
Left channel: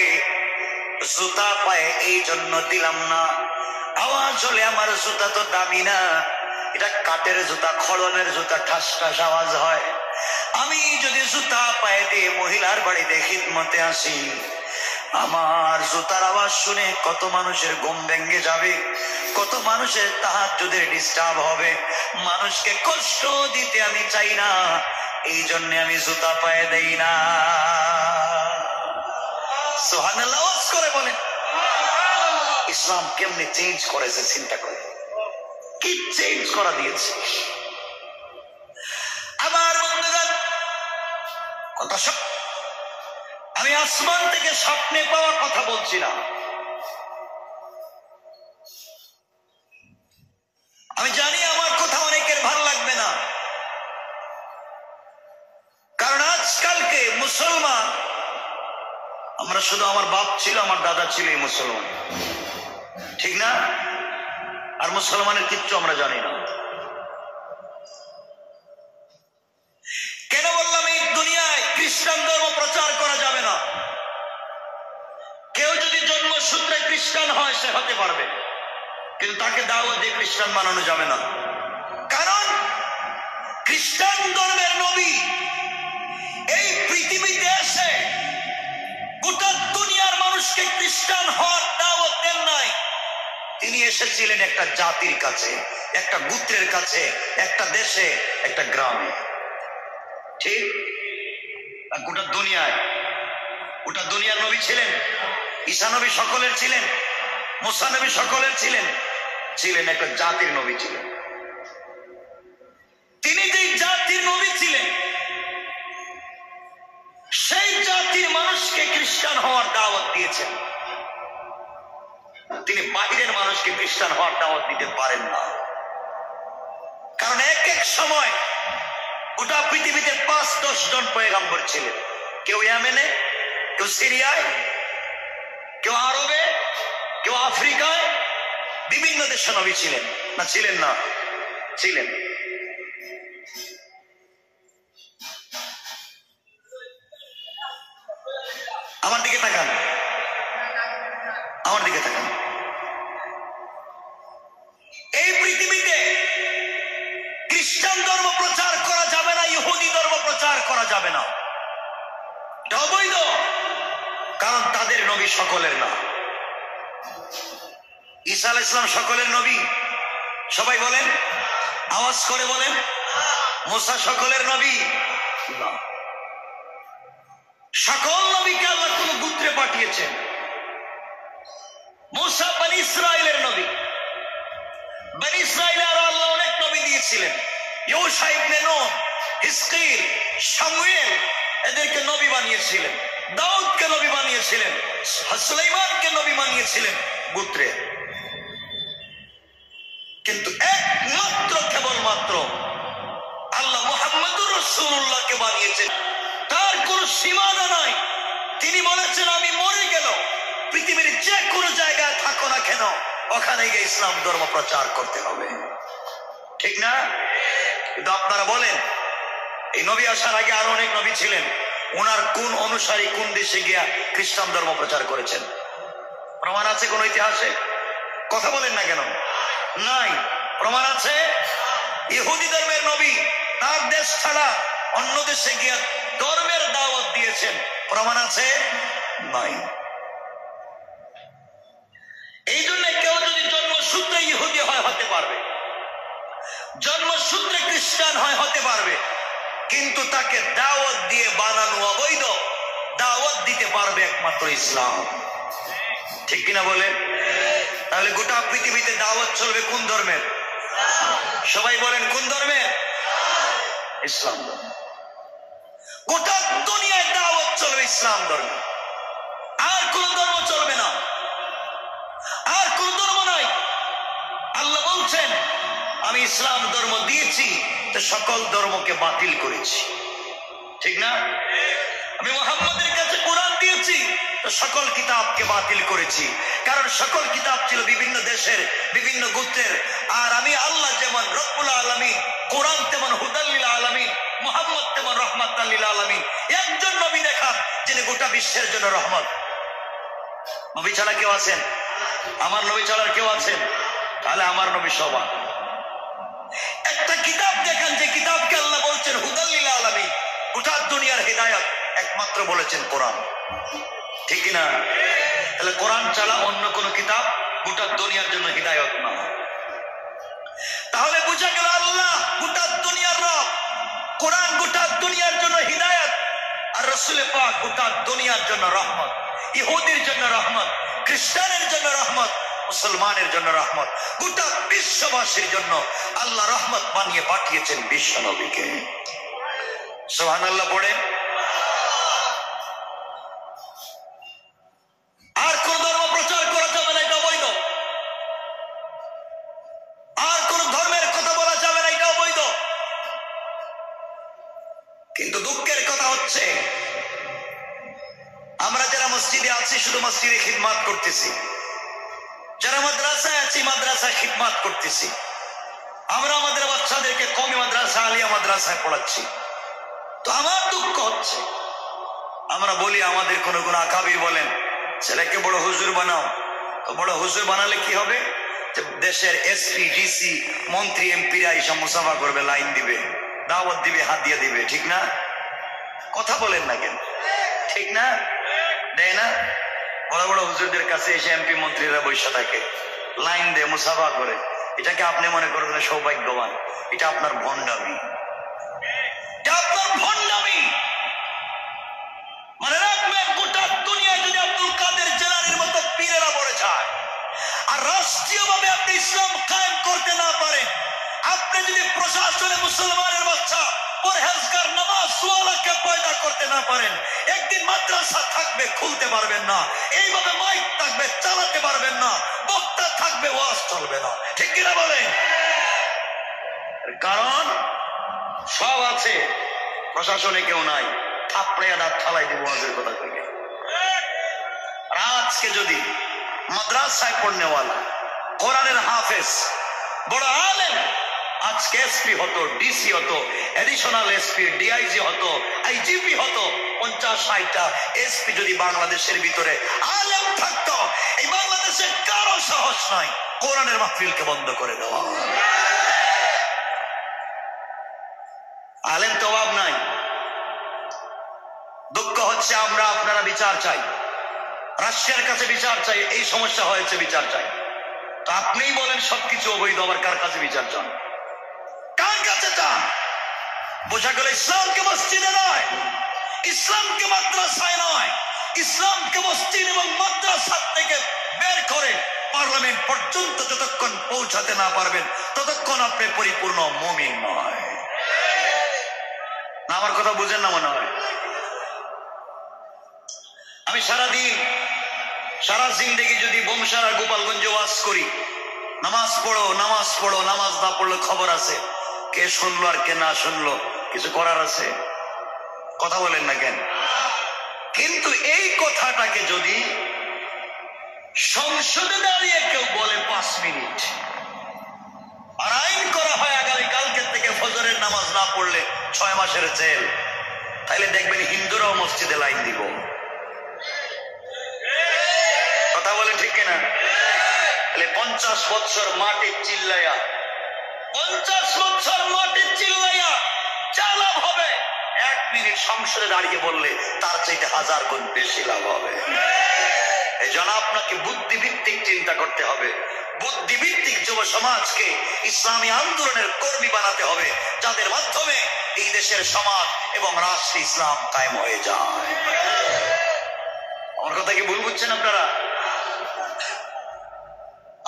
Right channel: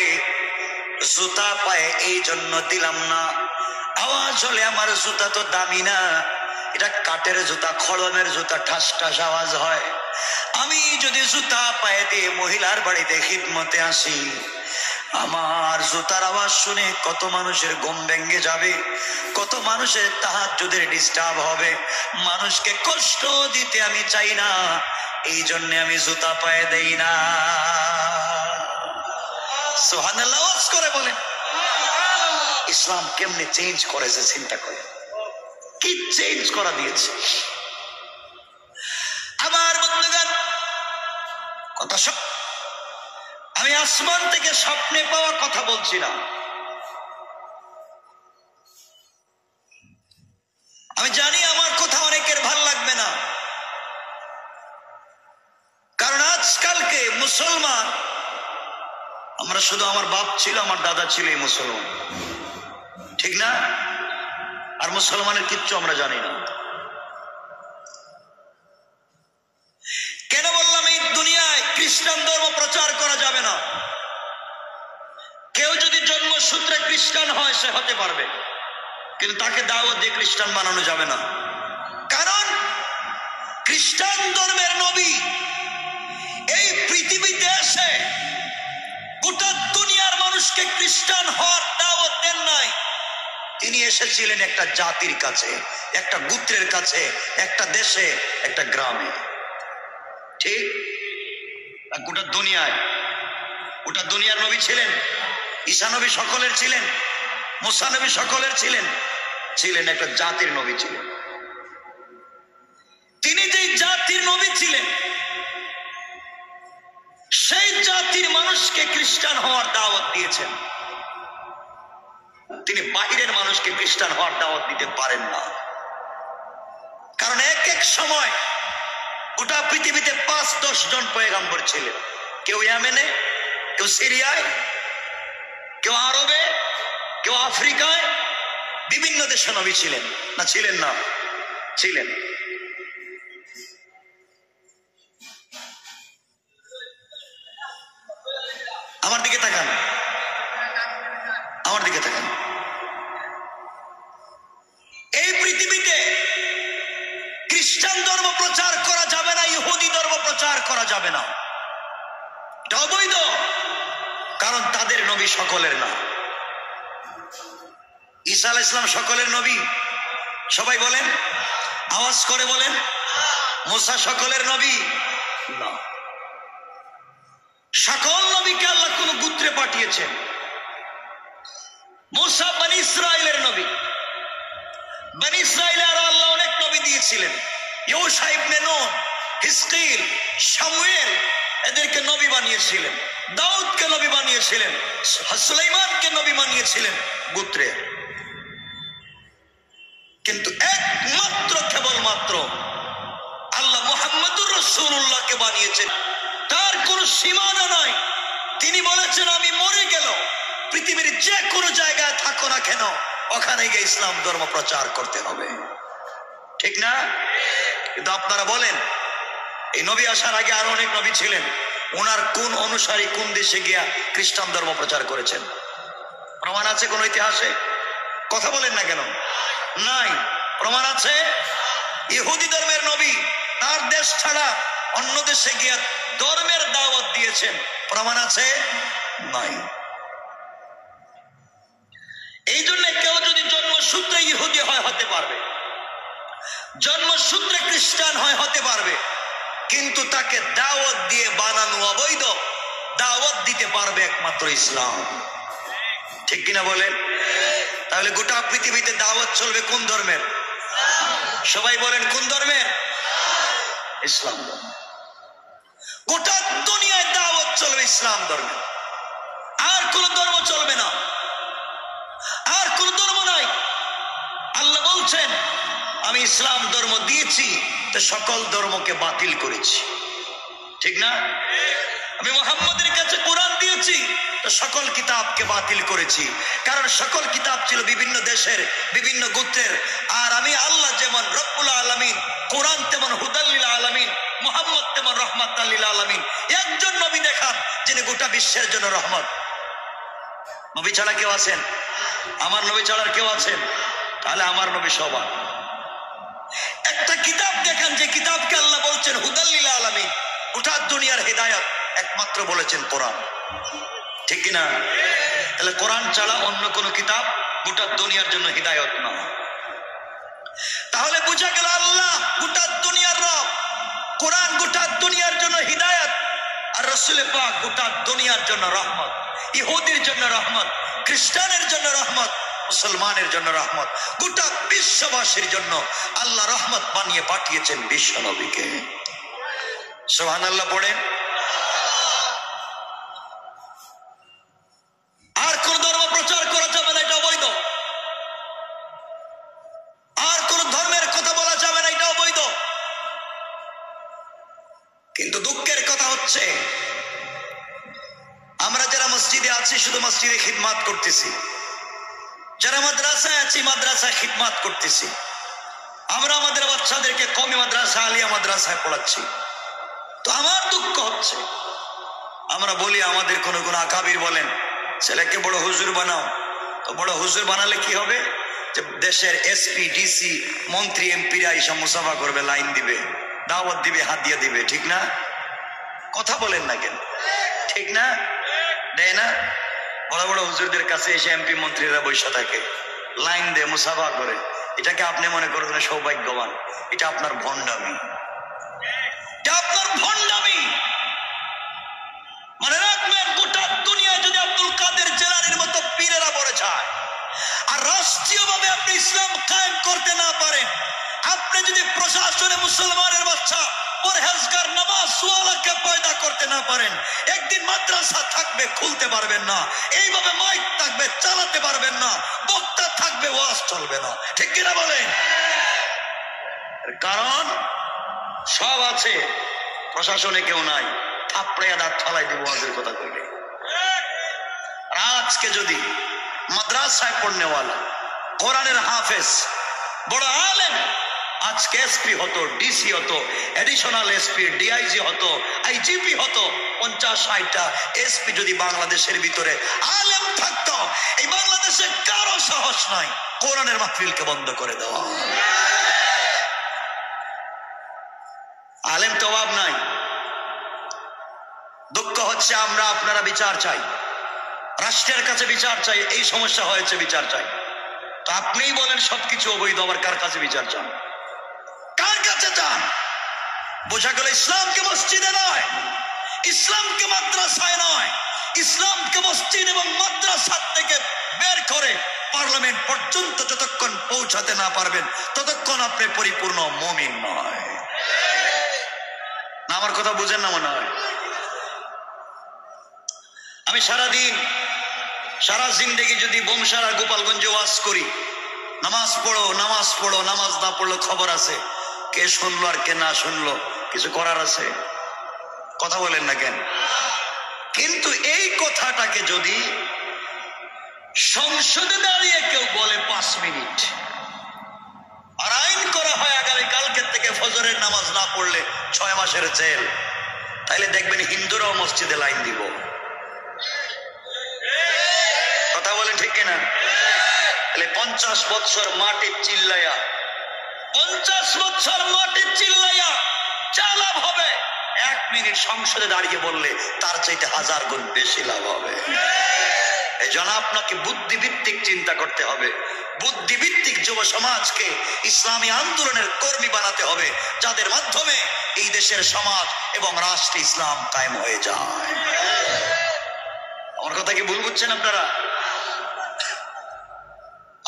জুতা পায়ে এই জন্য দিলাম না, আওয়াজ হলে আমার জুতা তো দামি না, এটা কাঠের জুতা, খড়মের জুতা, ঠাস ঠাস আওয়াজ হয়। আমি যদি জুতা পায়ে দিয়ে মহিলার বাড়িতে খিদমতে আসি, আমার জুতার আওয়াজ শুনে কত মানুষের ঘুম ভেঙে যাবে, কত মানুষের তাহাজ্জুদের ডিস্টার্ব হবে, মানুষকে কষ্ট দিতে আমি চাই না, এই জন্য আমি জুতা পায়ে দেই না। সুবহানাল্লাহ আওয়াজ করে বলেন। ইসলাম কেমনে চেঞ্জ করেছে চিন্তা করে, কি চেঞ্জ করা দিয়েছে। আমার বন্ধুগণ কথা সব আমি আসমান থেকে স্বপ্নে পাওয়া কথা বলছি না, আমি জানি আমার কথা অনেকের ভাল লাগবে না, কারণ আজকালকে মুসলমান আমরা শুধু, আমার বাপ ছিল, আমার দাদা ছিল এই মুসলমান, ঠিক না? আর মুসলমানের কিচ্ছু আমরা জানি না। কেন বললাম এই দুনিয়ায় খ্রিস্টান ধর্ম প্রচার করা যাবে না? কেউ যদি জন্মসূত্রে খ্রিস্টান হয় সে হতে পারবে, কিন্তু তাকে দাওয়াত দিয়ে খ্রিস্টান বানানো যাবে না। কারণ খ্রিস্টান ধর্মের নবী এই পৃথিবীতে এসে গোটা দুনিয়ার মানুষকে খ্রিস্টান হওয়ার দাওয়াত দেন নাই। তিনি এসেছিলেন একটা জাতির কাছে, একটা গোত্রের কাছে, একটা দেশে, একটা গ্রামে, ঠিক? গোটা দুনিয়ায়, গোটা দুনিয়ার নবী ছিলেন, ঈসা নবী সকলের ছিলেন, মুসা নবী সকলের ছিলেন, ছিলেন একটা জাতির নবী ছিলেন। তিনি যেই জাতির নবী ছিলেন সেই জাতির মানুষকে খ্রিস্টান হওয়ার দাওয়াত দিয়েছেন। তিনি বাহিরের মানুষকে খ্রিস্টান হওয়ার দাওয়াত দিতে পারেন না, কারণ এক এক সময় গোটা পৃথিবীতে 5-10 জন পয়গম্বর ছিলেন। কেউ ইয়েমেনে, কেউ সিরিয়ায়, কেউ আরবে, কেউ আফ্রিকায়, বিভিন্ন দেশে নবী ছিলেন না ছিলেন না? ছিলেন। আমার দিকে তাকান, আমার দিকে তাকান। এই পৃথিবীতে খ্রিস্টান ধর্ম প্রচার করা যাবে না, ইহুদি ধর্ম প্রচার করা যাবে না, এটা অবৈধ। কারণ তাদের নবী সকলের না। ঈসা আলাইহিস সালাম সকলের নবী? সবাই বলেন, আওয়াজ করে বলেন। মুসা সকলের নবী না। সকল নবীকে আল্লাহ কোন গোত্রে পাঠিয়েছেন। মুসা বনি ইসরাইলের নবী। বনি ইসরাইলে আরো আল্লাহ অনেক নবী দিয়েছিলেন। ইউশা ইবনে নূন, হিজকিল, শামুয়েল, এদেরকে নবী বানিয়েছিলেন। দাউদকে নবী বানিয়েছিলেন। সুলাইমানকে নবী বানিয়েছিলেন গোত্রে। কিন্তু একমাত্র কেবলমাত্র আল্লাহ মুহাম্মদুর রাসূলুল্লাহকে বানিয়েছেন। তার কোন সীমানা নাই। তিনি বলেছেন, আমি মরে গেল পৃথিবীর যে কোনো জায়গায় থাকো না কেন, ওখানে গিয়ে ইসলাম ধর্ম প্রচার করতে হবে। ঠিক না? কিন্তু আপনারা বলেন, এই নবী আসার আগে আরো অনেক নবী ছিলেন, ওনার কোন অনুসারী কোন দেশে গিয়া খ্রিস্টান ধর্ম প্রচার করেছেন? প্রমাণ আছে কোন ইতিহাসে? কথা বলেন না কেন? নাই। প্রমাণ আছে? ইহুদি ধর্মের নবী তার দেশ ছাড়া অন্য দেশে গিয়া ধর্মের দাওয়াত দিয়েছেন। প্রমাণ আছে? নাই। এই জন্য কেউ যদি জন্মসূত্রে ইহুদি হয় হতে পারবে, জন্মসূত্রে খ্রিস্টান হয় হতে পারবে, কিন্তু তাকে দাওয়াত দিয়ে বানানো অবৈধ। দাওয়াত দিতে পারবে একমাত্র ইসলাম। ঠিক কিনা বলেন? তাহলে গোটা পৃথিবীতে দাওয়াত চলবে কোন ধর্মের? সবাই বলেন কোন ধর্মের? ইসলাম ধর্ম। গোটা দুনিয়ায় দাওয়াত চলবে ইসলাম ধর্ম, আর কোন ধর্ম চলবে না, আর কোন ধর্ম নাই। আল্লাহ বলছেন, আমি ইসলাম ধর্ম দিয়েছি তো সকল ধর্মকে বাতিল করেছি। ঠিক না? আমি মুহাম্মদের কাছে কোরআন দিয়েছি তো সকল কিতাবকে বাতিল করেছি। কারণ সকল কিতাব ছিল বিভিন্ন দেশের, বিভিন্ন গোত্রের। আর আমি আল্লাহ যেমন রব্বুল আলামিন, কোরআন তেমন হুদাল লিল আলামিন, মুহাম্মদ তেমন রাহমাতাল লিল আলামিন। একজন নবী দেখান যিনি গোটা বিশ্বের জন্য রহমত। নবী ছাড়া কেউ আছেন? আমার নবী ছাড়া কেউ আছেন? তাহলে আমার নবী সবার। একটা কিতাব দেখান যে কিতাবকে আল্লাহ বলছেন হুদাল লিল আলামিন, গোটা দুনিয়ার হিদায়াত একমাত্র বলেছেন কোরআন। ঠিক কিনা? তাহলে কোরআন ছাড়া অন্য কোন কিতাব গোটা দুনিয়ার জন্য হিদায়াত না। তাহলে বোঝা গেল আল্লাহ গোটা দুনিয়ার রব, কোরআন গোটা দুনিয়ার জন্য হিদায়াত, আর রাসূল পাক গোটা দুনিয়ার জন্য রহমত। ইহুদির জন্য রহমত, খ্রিস্টানের জন্য রহমত, মুসলমানের জন্য রহমত। গোটা বিশ্ববাসীর জন্য আল্লাহ রহমত বানিয়ে পাঠিয়েছেন বিশ্ব নবীকে। সুবহানাল্লাহ পড়ে। আর কোন ধর্ম প্রচার করা যাবে না, এটা অবৈধ। আর কোন ধর্মের কথা বলা যাবে না, এটা অবৈধ। কিন্তু দুঃখের কথা হচ্ছে, আমরা যারা মসজিদে আছি শুধু মসজিদে খিদমাত করতেছি, যারা মাদ্রাসায় আছি মাদ্রাসায় খিদমাত করতেছি, আমরা আমাদের বাচ্চাদেরকে কওমি মাদ্রাসা, আলিয়া মাদ্রাসায় পড়াচ্ছি। তো আমার দুঃখ হচ্ছে, আমরা বলি আমাদের কোন কোন আকাবির বলেন ছেলেকে বড় হুজুর বানাও। তো বড় হুজুর বানালে কি হবে? যে দেশের এসপি, ডিসি, মন্ত্রী, এমপিরা এইসব মুসাফা করবে, লাইন দিবে, দাওয়াত দিবে, হাদিয়া দিবে। ঠিক না? কথা বলেন না কেন? ঠিক না? দেয় না? বড় বড় হুজুরদের কাছে এসে এমপি মন্ত্রীরা বসে থাকে, লাইন দিয়ে মুসাফা করে। এটাকে আপনি মনে করবেন সৌভাগ্যবান? এটা আপনার ভণ্ডামি, এটা আপনার ভণ্ডামি। মানে রাখবেন, গোটা দুনিয়ায় যদি আব্দুল কাদের জেলানির মতো পীরেরা বলে যায়, আর রাষ্ট্রীয়ভাবে আপনি ইসলাম কায়েম করতে না পারেন, আপনি যদি প্রশাসনে মুসলমানের বাচ্চা পরহেজগার নামাজ ওয়ালাকে পয়দা করতে না পারেন, একদিন মাদ্রাসা থাকবে খুলতে পারবেন না, এইভাবে মাইক থাকবে চালাতে পারবেন না, বক্তা থাকবে ওয়াজ চলবে না। ঠিক কিনা বলেন? কারণ সব আছে, প্রশাসনে কেউ নাই, থাপড়াইয়া দাঁত ফালাই দিব ওয়াজের কথা কইলে। আর আজকে যদি মাদ্রাসায় পড়নেওয়ালা, কোরআনের হাফেজ, বড় আলেম আজকে এসপি হতো, ডিসি হতো, এডিশনাল এসপি, ডিআইজি হতো, আইজিপি হতো, 50-60টা এসপি যদি বাংলাদেশের ভিতরে আলেম থাকতো, এই বাংলাদেশে কারো সাহস নাই কোরআনের মাহফিলকে বন্ধ করে দেওয়া। আলেম তো অভাব নাই। দুঃখ হচ্ছে আমরা আপনারা বিচার চাই, রাষ্ট্রের কাছে বিচার চাই, এই সমস্যা হয়েছে বিচার চাই। তো আপনিই বলেন সবকিছু অবৈধ, আবার কার কাছে বিচার চান? কার কাছে চান? বোঝা গেল ইসলামকে মসজিদে নয়, ইসলামকে মাদ্রাসায় নয়, ইসলামকে মসজিদ এবং মাদ্রাসা থেকে বের করে পার্লামেন্ট পর্যন্ত যতক্ষণ পৌঁছাতে না পারবেন ততক্ষণ আপনি পরিপূর্ণ মুমিন নয়। না আমার কথা বুঝেন না মনে হয়? আমি সারাদিন সারা জিন্দেগি যদি বমসার আর গোপালগঞ্জে ওয়াজ করি, নামাজ পড়ো নামাজ পড়ো, নামাজ না পড়লে খবর আছে, কে শুনলো আর কে না শুনলো কিছু করার আছে? কথা বলেন না কেন? কিন্তু এই কথাটাকে যদি সংসদে দাঁড়িয়ে কেউ বলে 5 মিনিট আর আইন করা হয় আগামীকালকে থেকে ফজরের নামাজ না পড়লে 6 মাসের জেল, তাইলে দেখবেন হিন্দুরাও মসজিদে লাইন দিব। কথা বলেন ঠিক কিনা? 50 বছর মাটি চিল্লাইয়া, 50 বছর মাটি চিল্লাইয়া যা লাভ হবে 1 মিনিট সংসদে দাঁড়িয়ে বললে তার চাইতে 1000 গুণ বেশি লাভ হবে। এই জন্য আপনাকে বুদ্ধিভিত্তিক চিন্তা করতে হবে, বুদ্ধিভিত্তিক যুব সমাজকে ইসলামী আন্দোলনের কর্মী বানাতে হবে, যাদের মাধ্যমে এই দেশের সমাজ এবং রাষ্ট্র ইসলাম কায়েম হয়ে যায়। আমার কথা কি ভুল বুঝছেন আপনারা?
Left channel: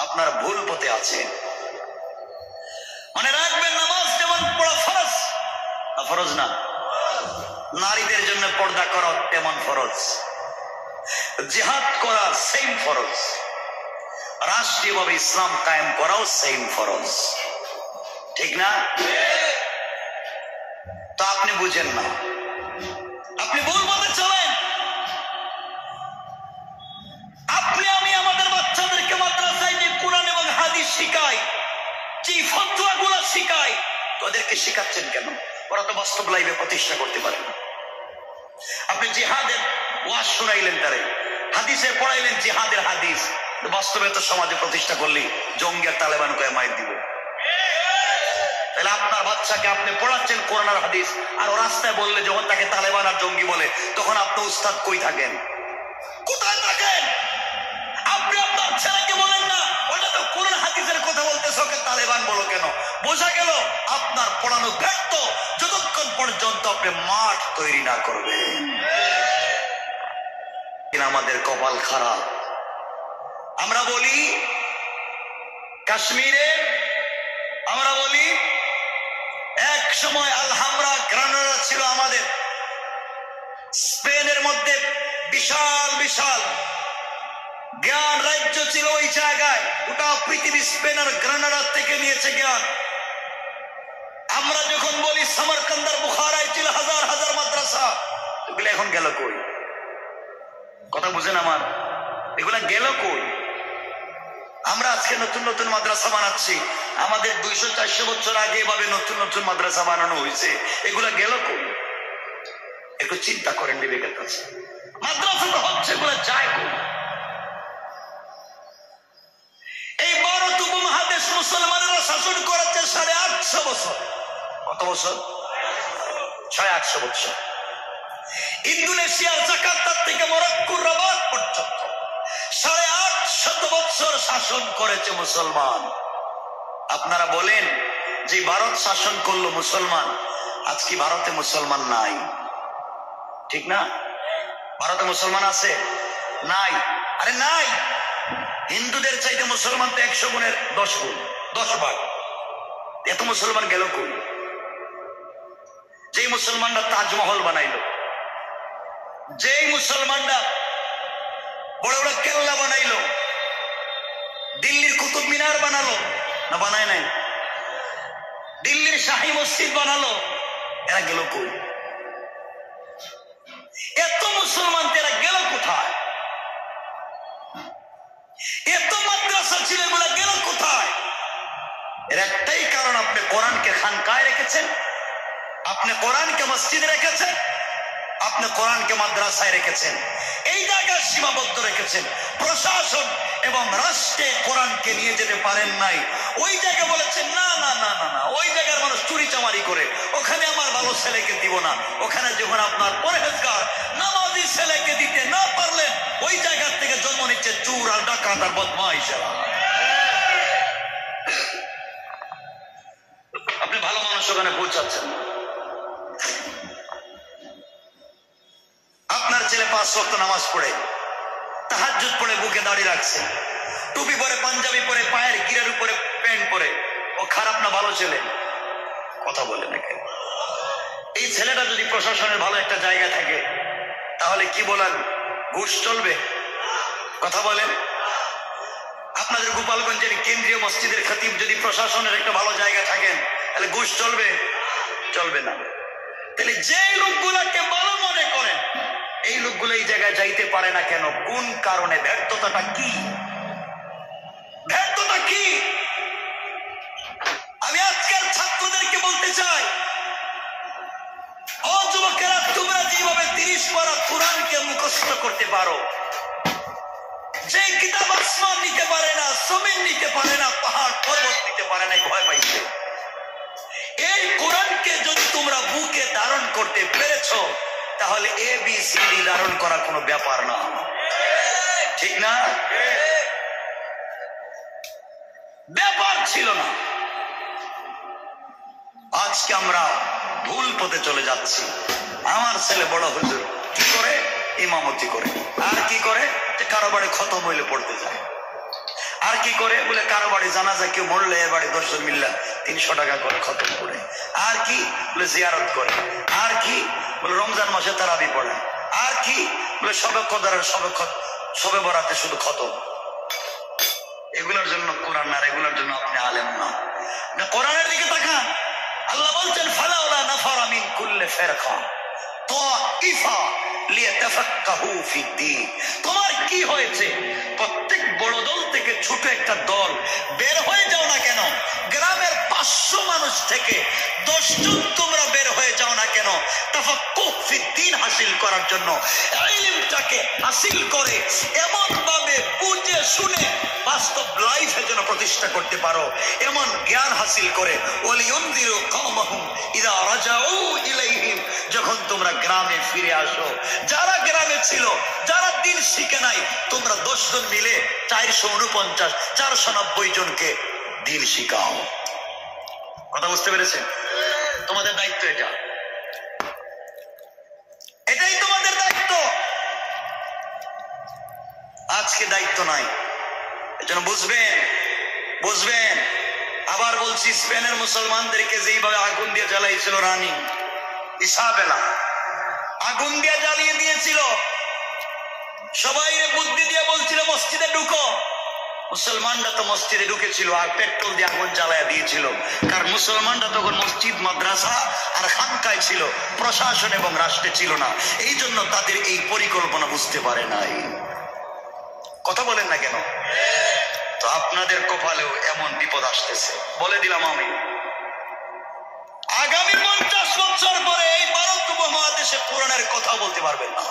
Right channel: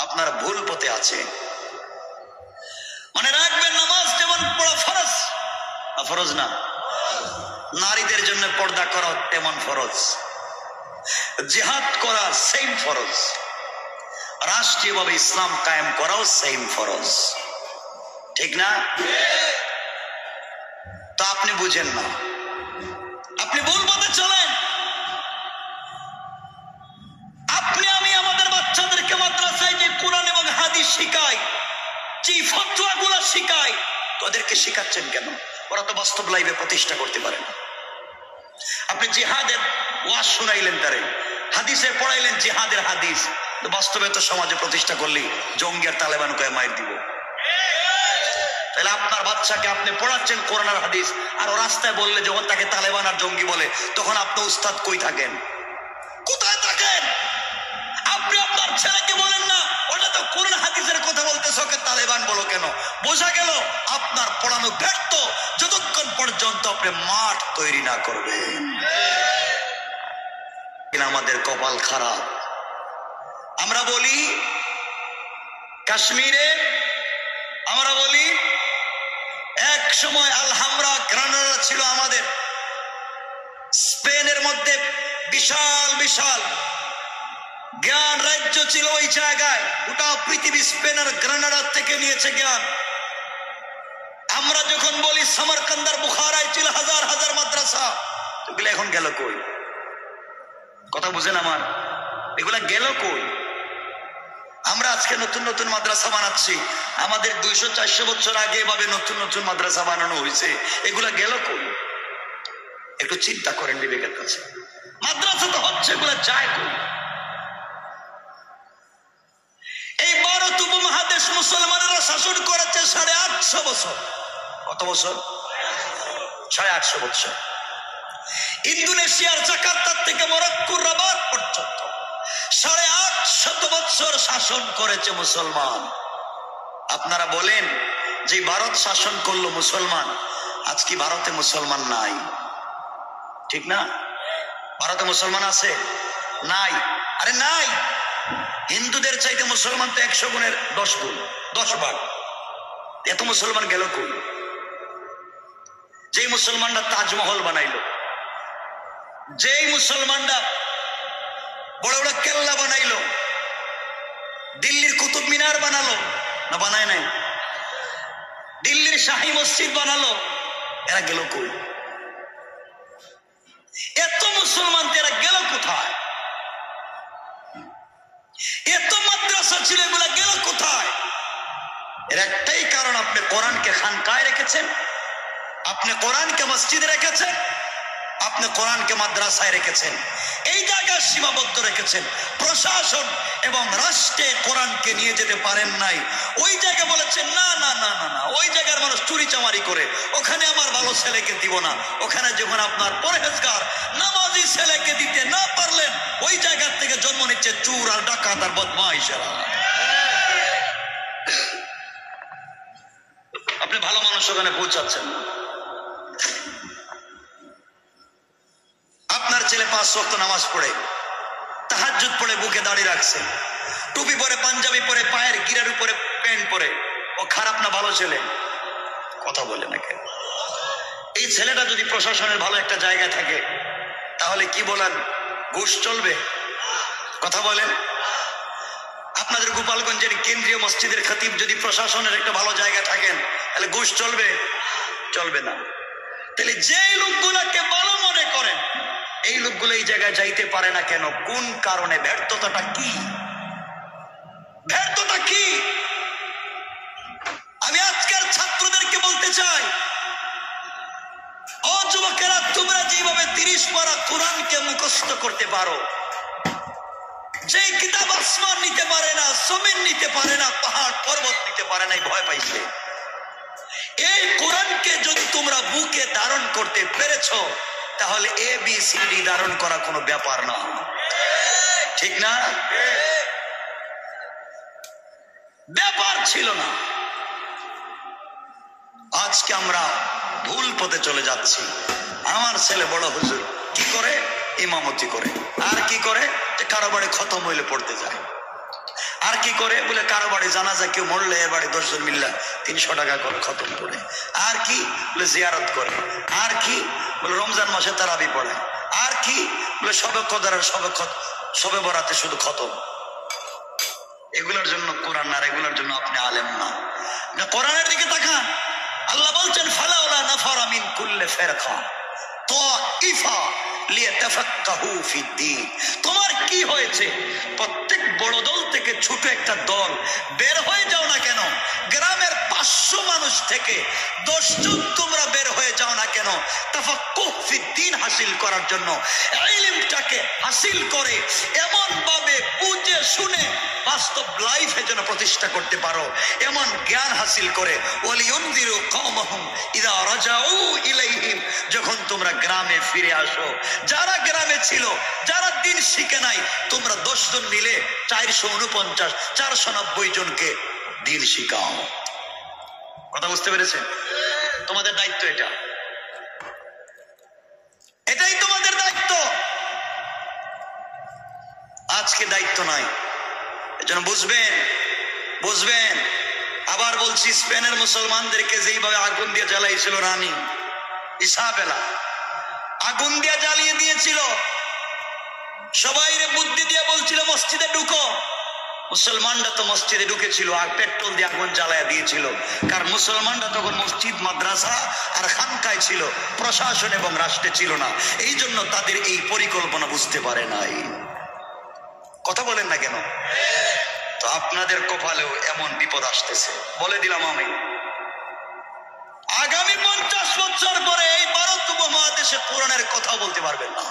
আপনারা ভুল পথে আছে। মনে রাখবেন নামাজ যেমন পড়া ফরজ, ফরজ না, নারীদের জন্য পর্দা করা তেমন ফরজ, জিহাদ করা সেম ফরজ, রাষ্ট্রীয়ভাবে ইসলাম কায়েম করাও সেম ফরজ, ঠিক না? তো আপনি বুঝেন না, আপনি ভুল পথে চলেন। আপনি আমি আমাদের বাচ্চাদেরকে মাদ্রাসায় যে কোরআন এবং হাদিস শিখাই, যে ফতোয়া গুলা শিখাই, তাদেরকে শিখাচ্ছেন কেন? ওরা তো বাস্তব লাইফে প্রতিষ্ঠা করতে পারে না। আপনি জিহাদের ওয়াজ শুনাইলেন, তারে হাদিসে পড়াইলেন জিহাদের হাদিস, বাস্তবে তো সমাজে প্রতিষ্ঠা করলি জঙ্গি আর তালেবান কয়ে মাইর দিব। তাহলে আপনার বাচ্চাকে আপনি পড়াচ্ছেন কোরআন আর হাদিস, আর ও রাস্তায় বললে যখন তাকে তালেবান আর জঙ্গি বলে, তখন আপনি উস্তাদ কই থাকেন? কোথায় থাকেন? আপনি আপনার ছেলেকে বলেন না ওটা তো কোরআন হাদিসের কথা বলতেছে, ওকে তালেবান বলো কেন? বোঝা গেল আপনার পড়ানো ব্যর্থ যতক্ষণ পর্যন্ত আপনি মাঠ তৈরি না করবেন। আমাদের কপাল খারাপ। আমরা বলি কাশ্মীরে, আমরা বলি এক সময় আলহামরা গ্রানাডা ছিল আমাদের, স্পেনের মধ্যে বিশাল বিশাল জ্ঞান রাজ্য ছিল ওই জায়গায়, ওটা পৃথিবী স্পেন আর গ্রানাডা থেকে নিয়েছে জ্ঞান। আমরা যখন বলি সমরকন্দার বুখারায় ছিল হাজার হাজার মাদ্রাসা, এগুলো এখন গেল কই? কথা বুঝেন আমার? এগুলা গেল কই? আমরা আজকে নতুন নতুন মাদ্রাসা বানাচ্ছি, আমাদের 200-400 বছর আগে এভাবে নতুন নতুন মাদ্রাসা বানানো হয়েছে, এগুলা গেল কই? একটু চিন্তা করেন বিবেকের কাছে। মাদ্রাসা তো হচ্ছে, এগুলা যায় কই? এই ভারত উপমহাদেশ মুসলমানেরা শাসন করেছে 850 বছর। কত বছর? 850 বছর। ইন্দোনেশিয়ার জাকার্তা থেকে মরক্কোর রাবাত পর্যন্ত 850 বছর শাসন করেছে মুসলমান। আপনারা বলেন যে ভারত শাসন করলো মুসলমান, আজ কি ভারতে মুসলমান নাই? ঠিক না? ভারতে মুসলমান আছে? নাই। আরে নাই। হিন্দুদের চাইতে মুসলমান তো 100 গুণের 10 গুণ, 10 ভাগ। এত মুসলমান গেল কই? যেই মুসলমানরা তাজমহল বানাইলো, যেই মুসলমানরা বড় বড় কেল্লা বানাইলো, দিল্লির কুতুব মিনার বানালো, না বানায় নাই? দিল্লির শাহী মসজিদ বানালো, এরা গেল কই? এর একটাই কারণ, আপনি কোরআনকে খানকায় রেখেছেন, আপনি কোরআনকে মসজিদে রেখেছেন, আপনি কোরআনকে মাদ্রাসায় রেখেছেন, এই জায়গায় সীমাবদ্ধ রেখেছেন। প্রশাসন এবং রাষ্ট্রে কোরআনকে নিয়ে যেতে পারেন নাই। ওই জায়গায় বলেছেন না না না না না, ওই জায়গার মানুষ চুরি চামারি করে, ওখানে আমার ভালো ছেলেকে দিব না। ওখানে যখন আপনার পরহেজগার নামাজি ছেলেকে দিতে না পারলেন, ওই জায়গার থেকে জন্ম নিচ্ছে চোর আর ডাকাত আর বদমাইশেরা। আপনি ভালো মানুষ ওখানে পৌঁছাচ্ছেন না। আপনার ছেলে 5 ওয়াক্ত নামাজ পড়ে, তাহাজ্জুদ পড়ে, বুকে দাড়ি রাখছে, টুপি পরে, পাঞ্জাবি পরে, পায়ের গিরার উপরে প্যান্ট পরে, ও খারাপ না ভালো ছেলে? কথা বলে না কেন? এই ছেলেটা যদি প্রশাসনের ভালো একটা জায়গা থাকে, তাহলে কি বলেন, ঘুষ চলবে? কথা বলেন। আপনাদের গোপালগঞ্জের কেন্দ্রীয় মসজিদের খতিব যদি প্রশাসনের একটা ভালো জায়গা থাকেন, তাহলে ঘুষ চলবে? চলবে না। তাহলে যে লোকগুলোকে ভালো মনে করেন, এই লোকগুলো এই জায়গায় যাইতে পারে না কেন? কোন কারণে? ব্যর্থতাটা কি? ব্যর্থতা কি? আমি আজকের ছাত্রদেরকে বলতে চাই, ও যুবকেরা, তোমরা যেভাবে 30 পারা কোরআনকে মুখস্থ করতে পারো, যে কিতাব আসমান নিতে পারে না, জমিন নিতে পারে না, পাহাড় পর্বত নিতে পারে না, ভয় পাইছে। এই কোরআনকে যদি তোমরা বুকে ধারণ করতে পেরেছ, তাহলে ABCD ধারণ করা কোনো ব্যাপার না, ঠিক না? ব্যাপার ছিল না। আজকে আমরা ভুল পথে চলে যাচ্ছি। আমার ছেলে বড় হুজুর কি করে? ইমামতি করে। আর কি করে? কারো বাড়ি খতম হইলে পড়তে যায়। আর কি করে? বলে কারো বাড়ি জানাজা কেউ মরলে এর বাড়ি 10 জন মিল্লা 300 টাকা করে খতম পড়ে। আর কি? বলে জিয়ারত করে। আর কি? বলে রমজান মাসে তারাবি পড়ে। আর কি? বলে সবে কদরের সবে বরাতে শুধু খতম। এগুলোর জন্য কোরআন না, এগুলোর জন্য আপনি আলেম না। কোরআনের দিকে তাকান। আল্লাহ বলছেন ফালাউলা নাফারা মিন কুল্লি ফিরকা তাইফা লিয়াতাফাক্কাহু ফিদ্দীন। তোমার কি হয়েছে? প্রত্যেক বড় দল থেকে ছোট একটা দল বের হয়ে যাও না কেন? গ্রামের 500 মানুষ থেকে 10 জন তোমরা বের হয়ে যাও না কেন? তাফাক্কুহ ফিদ্দীন হাসিল করার জন্য, ইলমটাকে হাসিল করে এমন ভাবে বুঝে শুনে বাস্তব লাইফে যেন প্রতিষ্ঠা করতে পারো, এমন জ্ঞান হাসিল করে। ওয়ালিউনদিরু কওমাহুম ইযা রাজাউ ইলাইহিম, যখন তোমরা গ্রামে ফিরে আসো। যারা গ্রামে ছিল, যারা দিন শিখে নাই, তোমরা 10 জন মিলে 449 490 জনকে দিন শিখাও। কথা বুঝতে পেরেছেন? তোমাদের দায়িত্ব এটা, এটাই তোমাদের দায়িত্ব। আজকে দায়িত্ব নাই, এজন্য বুঝবেন। আবার বলছি, স্পেনের মুসলমানদেরকে যেইভাবে আগুন দিয়ে জ্বালাইছিল রানী ইসাবেলা, আগুন দিয়ে জ্বালিয়ে দিয়েছিল, সবাই বুদ্ধি দিয়ে বলছিল মসজিদে ঢুকো। মুসলমানরা তো মসজিদে ঢুকেছিল আর পেট্রোল দিয়ে আগুন জ্বালায় দিয়েছিল। কারণ মুসলমানরা তখন মসজিদ, মাদ্রাসা আর খানকায় ছিল, প্রশাসন এবং রাষ্ট্রে ছিল না। এই জন্য তাদের এই পরিকল্পনা বুঝতে পারে নাই। কথা বলেন না কেন? তো আপনাদের কপালেও এমন বিপদ আসতেছে, বলে দিলাম আমি। আগামী 50 বছর পরে এই ভারত উপমহাদেশে কোরআনের কথা বলতে পারবেন না,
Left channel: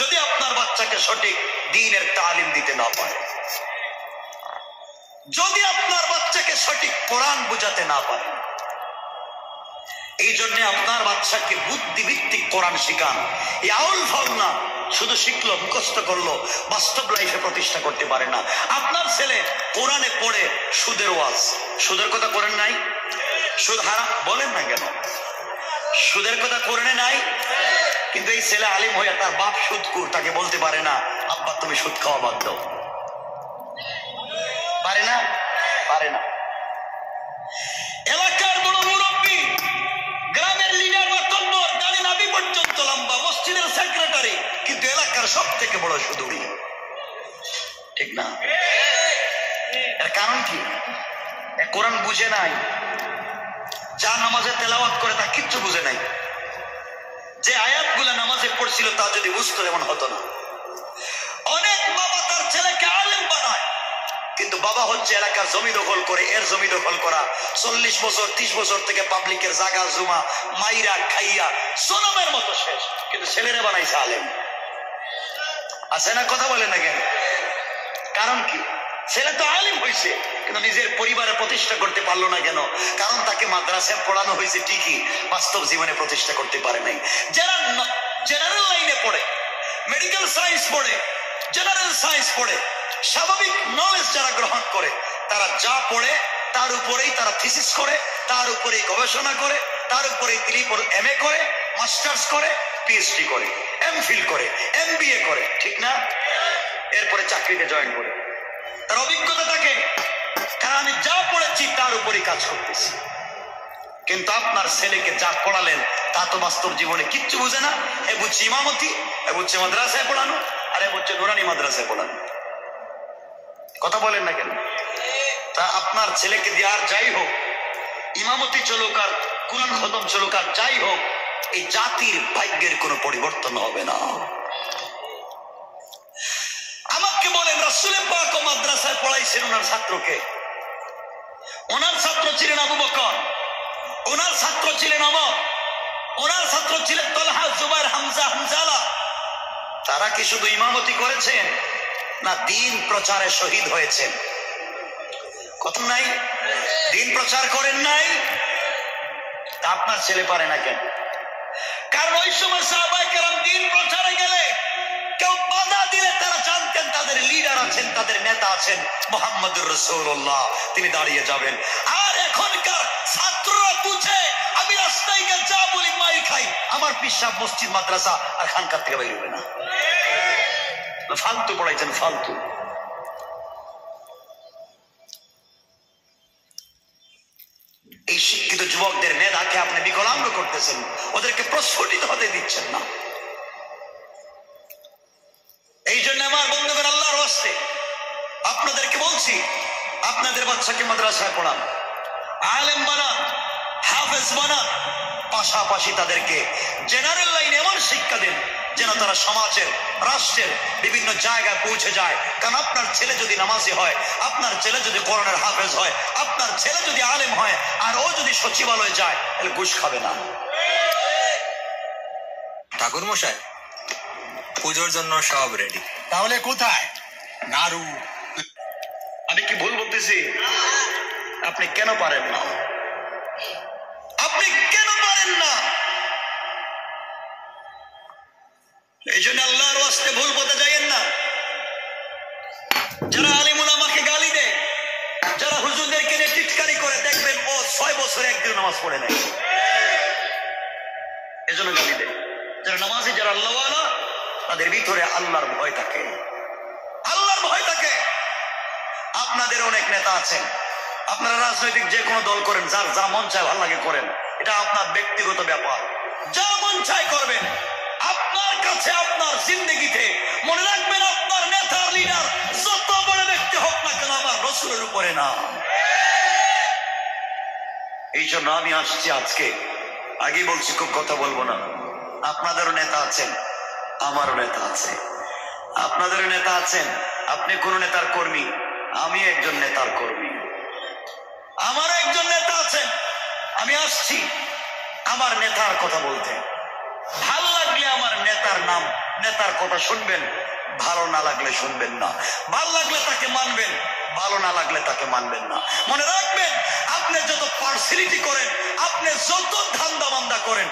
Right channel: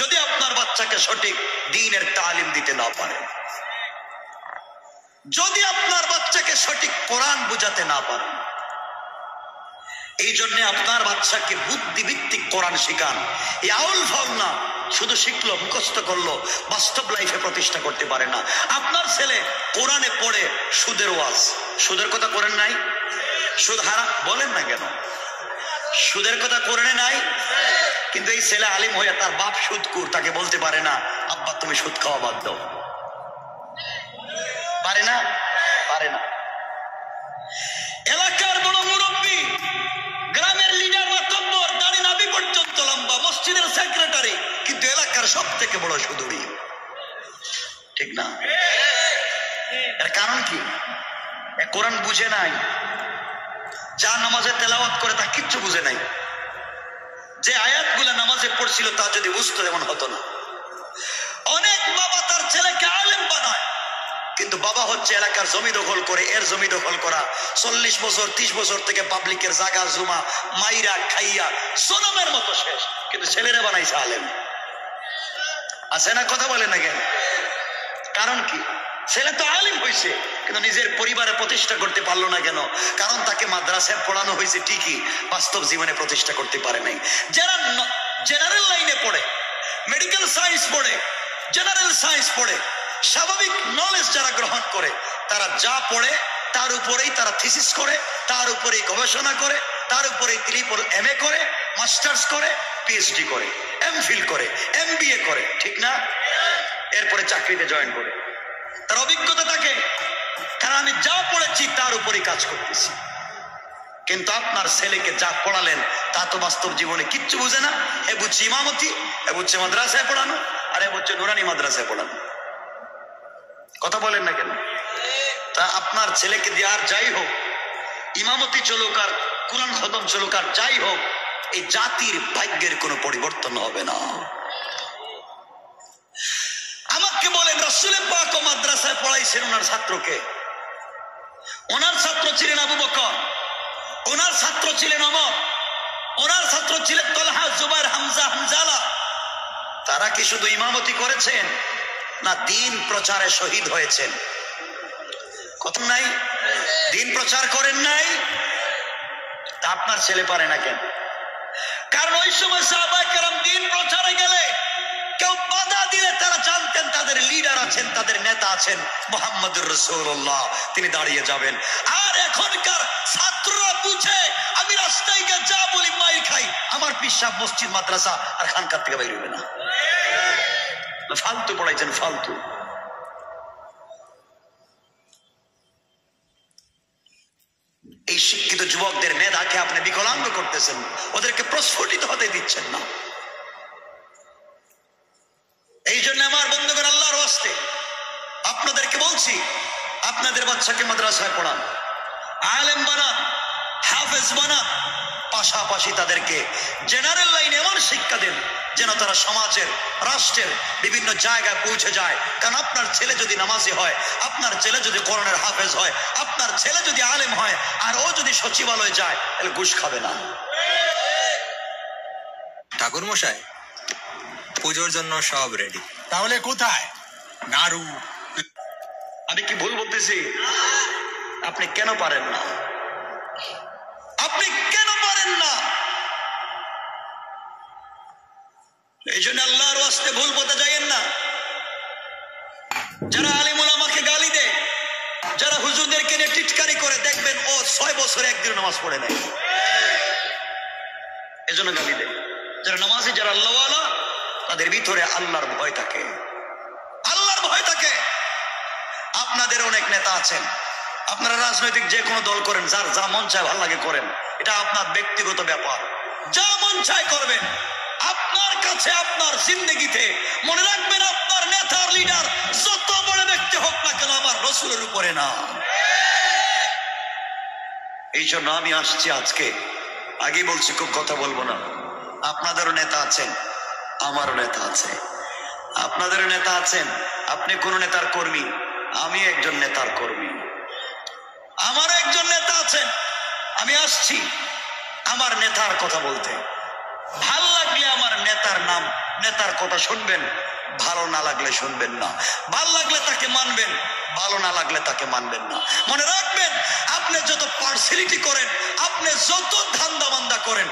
যদি আপনার বাচ্চাকে সঠিক দ্বীনের তালিম দিতে না পারেন, যদি আপনার বাচ্চাকে সঠিক কোরআন বুঝাতে না পারেন। এই জন্য আপনার বাচ্চাকে বুদ্ধিভিত্তিক কোরআন শিখান। এই আউল ফাউল না, শুধু শিখলো, মুখস্থ করলো, বাস্তব লাইফে প্রতিষ্ঠা করতে পারে না। আপনার ছেলে কোরআনে পড়ে সুদের ওয়াজ, সুদের কথা করেন নাই? সুদ হারাম বলেন না কেন? সুদের কথা কোরআনে নাই, কিন্তু এই ছেলে আলিম হয়ে তার বাপ সুদকুর, তাকে বলতে পারে না আব্বা তুমি সুদ খাওয়া বাদ দাও। পারে না? পারে না। এলাকার বড় মুরব্বী, গ্রামের লিডার বা কম্বর, দাড়ি নাভি পর্যন্ত লম্বা, মসজিদের সেক্রেটারি, কিন্তু এলাকার সব থেকে বড় সুদুরি, ঠিক না? এর কারণ কি? কোরআন বুঝে নাই। যা নামাজে তেলাওয়াত করে তা কিচ্ছু বুঝে নাই। যে আয়াতগুলা নামাজে পড়ছিল তা যদি বুঝতো এমন হতো না। অনেক বাবা তার ছেলেকে আলেম বানায়, কিন্তু বাবা হচ্ছে এলাকার জমি দখল করে, এর জমি দখল করা, 40 বছর 30 বছর থেকে পাবলিকের জায়গা জমা মাইরা খাইয়া জনমের মতো শেষ, কিন্তু ছেলেরা বানাইছে আলেম। আছে না? কথা বলেন না কেন? কারণ কি? ছেলে তো আলিম হয়েছে কিন্তু নিজের পরিবারে প্রতিষ্ঠা করতে পারলো না কেন? কারণ তাকে মাদ্রাসায় পড়ানো হয়েছে ঠিকই, বাস্তব জীবনে প্রতিষ্ঠা করতে পারে নাই। যারা জেনারেল লাইনে পড়ে, মেডিকেল সায়েন্স পড়ে, জেনারেল সায়েন্স পড়ে, স্বাভাবিক নলেজ যারা গ্রহণ করে, তারা যা পড়ে তার উপরেই তারা থিসিস করে, তার উপরেই গবেষণা করে, তার উপরেই ট্রিপল MA করে, মাস্টার্স করে, PhD করে, MPhil করে, MBA করে, ঠিক না? এরপরে চাকরিতে জয়েন করে তার অভিজ্ঞতা থাকে, কারণ আমি যা পড়েছি তার উপরেই কাজ করতেছি। কিন্তু আপনার ছেলেকে যা পড়ালেন তা তো বাস্তব জীবনে কিচ্ছু বুঝে না। এ বুঝছে ইমামতি, এ বুঝছে মাদ্রাসায় পড়ানো, আর এ বুঝছে নুরানি মাদ্রাসায় পড়ানো। কথা বলেন না কেন? তা আপনার ছেলেকে দিয়ে আর যাই হোক, ইমামতি চলুক আর কুরআন খতম চলুক আর যাই হোক, এই জাতির ভাগ্যের কোনো পরিবর্তন হবে না। আমাকে বলেন, রাসূল পাক মাদ্রাসায় পড়াইছেন ওনার ছাত্রকে। ওনার ছাত্র ছিলেন আবু বকর, ওনার ছাত্র ছিলেন ওমর, ওনার ছাত্র ছিলেন তালহা, জুবাইর, হামজা, হানজালা। তারা কি শুধু ইমামতি করেছেন না দিন প্রচারে শহীদ হয়েছেন? কথা নাই? দিন প্রচার করেন নাই? তা আপনার ছেলে পারে না কেন? কারণ ওই সময় সাহাবায়ে কেরাম দিন প্রচারে গেলে কেউ বাধা দিলে তারা জানতেন তাদের লিডার আছেন, তাদের নেতা আছেন, মুহাম্মদুর রাসূলুল্লাহ, তিনি দাঁড়িয়ে যাবেন। আর এখনকার ছাত্ররা বুঝে আমি রাস্তায় গিয়ে যা বলি মাই খাই, আমার পিসাব মসজিদ মাদ্রাসা আর খানকার থেকে বের হবে না। ফালতু পড়াইছেন, ফালতু। এই শিক্ষিত যুবকদের নেতাকে আপনি বিকলাঙ্গ করতেছেন, ওদেরকে প্রস্ফুটিত হতে দিচ্ছেন না। এই জন্য আমার বন্ধুগণ, আল্লাহর ওয়াস্তে আপনাদেরকে বলছি, আপনাদের বাচ্চাকে মাদ্রাসায় পড়ান, আলেম বানান, হাফেজ বানান, পাশাপাশি তাদেরকে জেনারেল লাইনে এমন শিক্ষা দেন যেন তারা সমাজের, রাষ্ট্রের বিভিন্ন জায়গায় পৌঁছে যায়। কারণ আপনার ছেলে যদি নামাজি হয়, আপনার ছেলে যদি কোরআনের হাফেজ হয়, আপনার ছেলে যদি আলেম হয়, আর ও যদি সচিবালয়ে যায়, তাহলে ঘুষ খাবে না। ঠাকুর মশাই, পুজোর জন্য সব রেডি। তাহলে কোথায় নাড়ু? আমি কি ভুল বলতেছি? আপনি কেন পারেন না? আপনি কেন পারেন না? এই জন্য আল্লাহর ওয়াস্তে ভুল বলতে যাইয়েন না। যারা আলিম উলামাকে গালি দেয়, যারা হুজুরদেরকে নিয়ে টিটকারি করে, দেখবেন ও 6 বছরে একদিন নামাজ পড়ে নাই, এজন্য গালি দেয়। যারা নামাজি, যারা আল্লাহওয়ালা, তাদের ভিতরে আল্লাহর ভয় থাকে, আল্লাহর ভয় থাকে। আপনাদের অনেক নেতা আছেন, আপনারা রাজনৈতিক যে কোনো দল করেন, যার যা মন চায় ভালো লাগে করেন, এটা আপনার ব্যক্তিগত ব্যাপার, যা মন চায় করবেন। আপনার কাছে, আপনার জিন্দেগিতে মনে রাখবেন, আপনার নেতার লিডার যত বড় ব্যক্তি হোক না কেন, আমার রাসূলের উপরে না। এই জন্য আমি আসছি আজকে, আগে বলছি খুব কথা বলবো না। আপনাদেরও নেতা আছেন, আমারও নেতা আছে, আপনাদেরও নেতা আছেন। আপনি কোন নেতার কর্মী, আমি একজন নেতার কর্মী, আমার একজন নেতা আছেন। আমি আসছি আমার নেতার কথা বলতে। ভালো লাগলে আমার নেতার নাম, নেতার কথা শুনবেন, ভালো না লাগলে শুনবেন না। ভালো লাগলে তাকে মানবেন, ভালো না লাগলে তাকে মানবেন না। মনে রাখবেন, আপনি যত পার্সিয়ালিটি করেন, আপনি যত ধান্দা বান্দা করেন,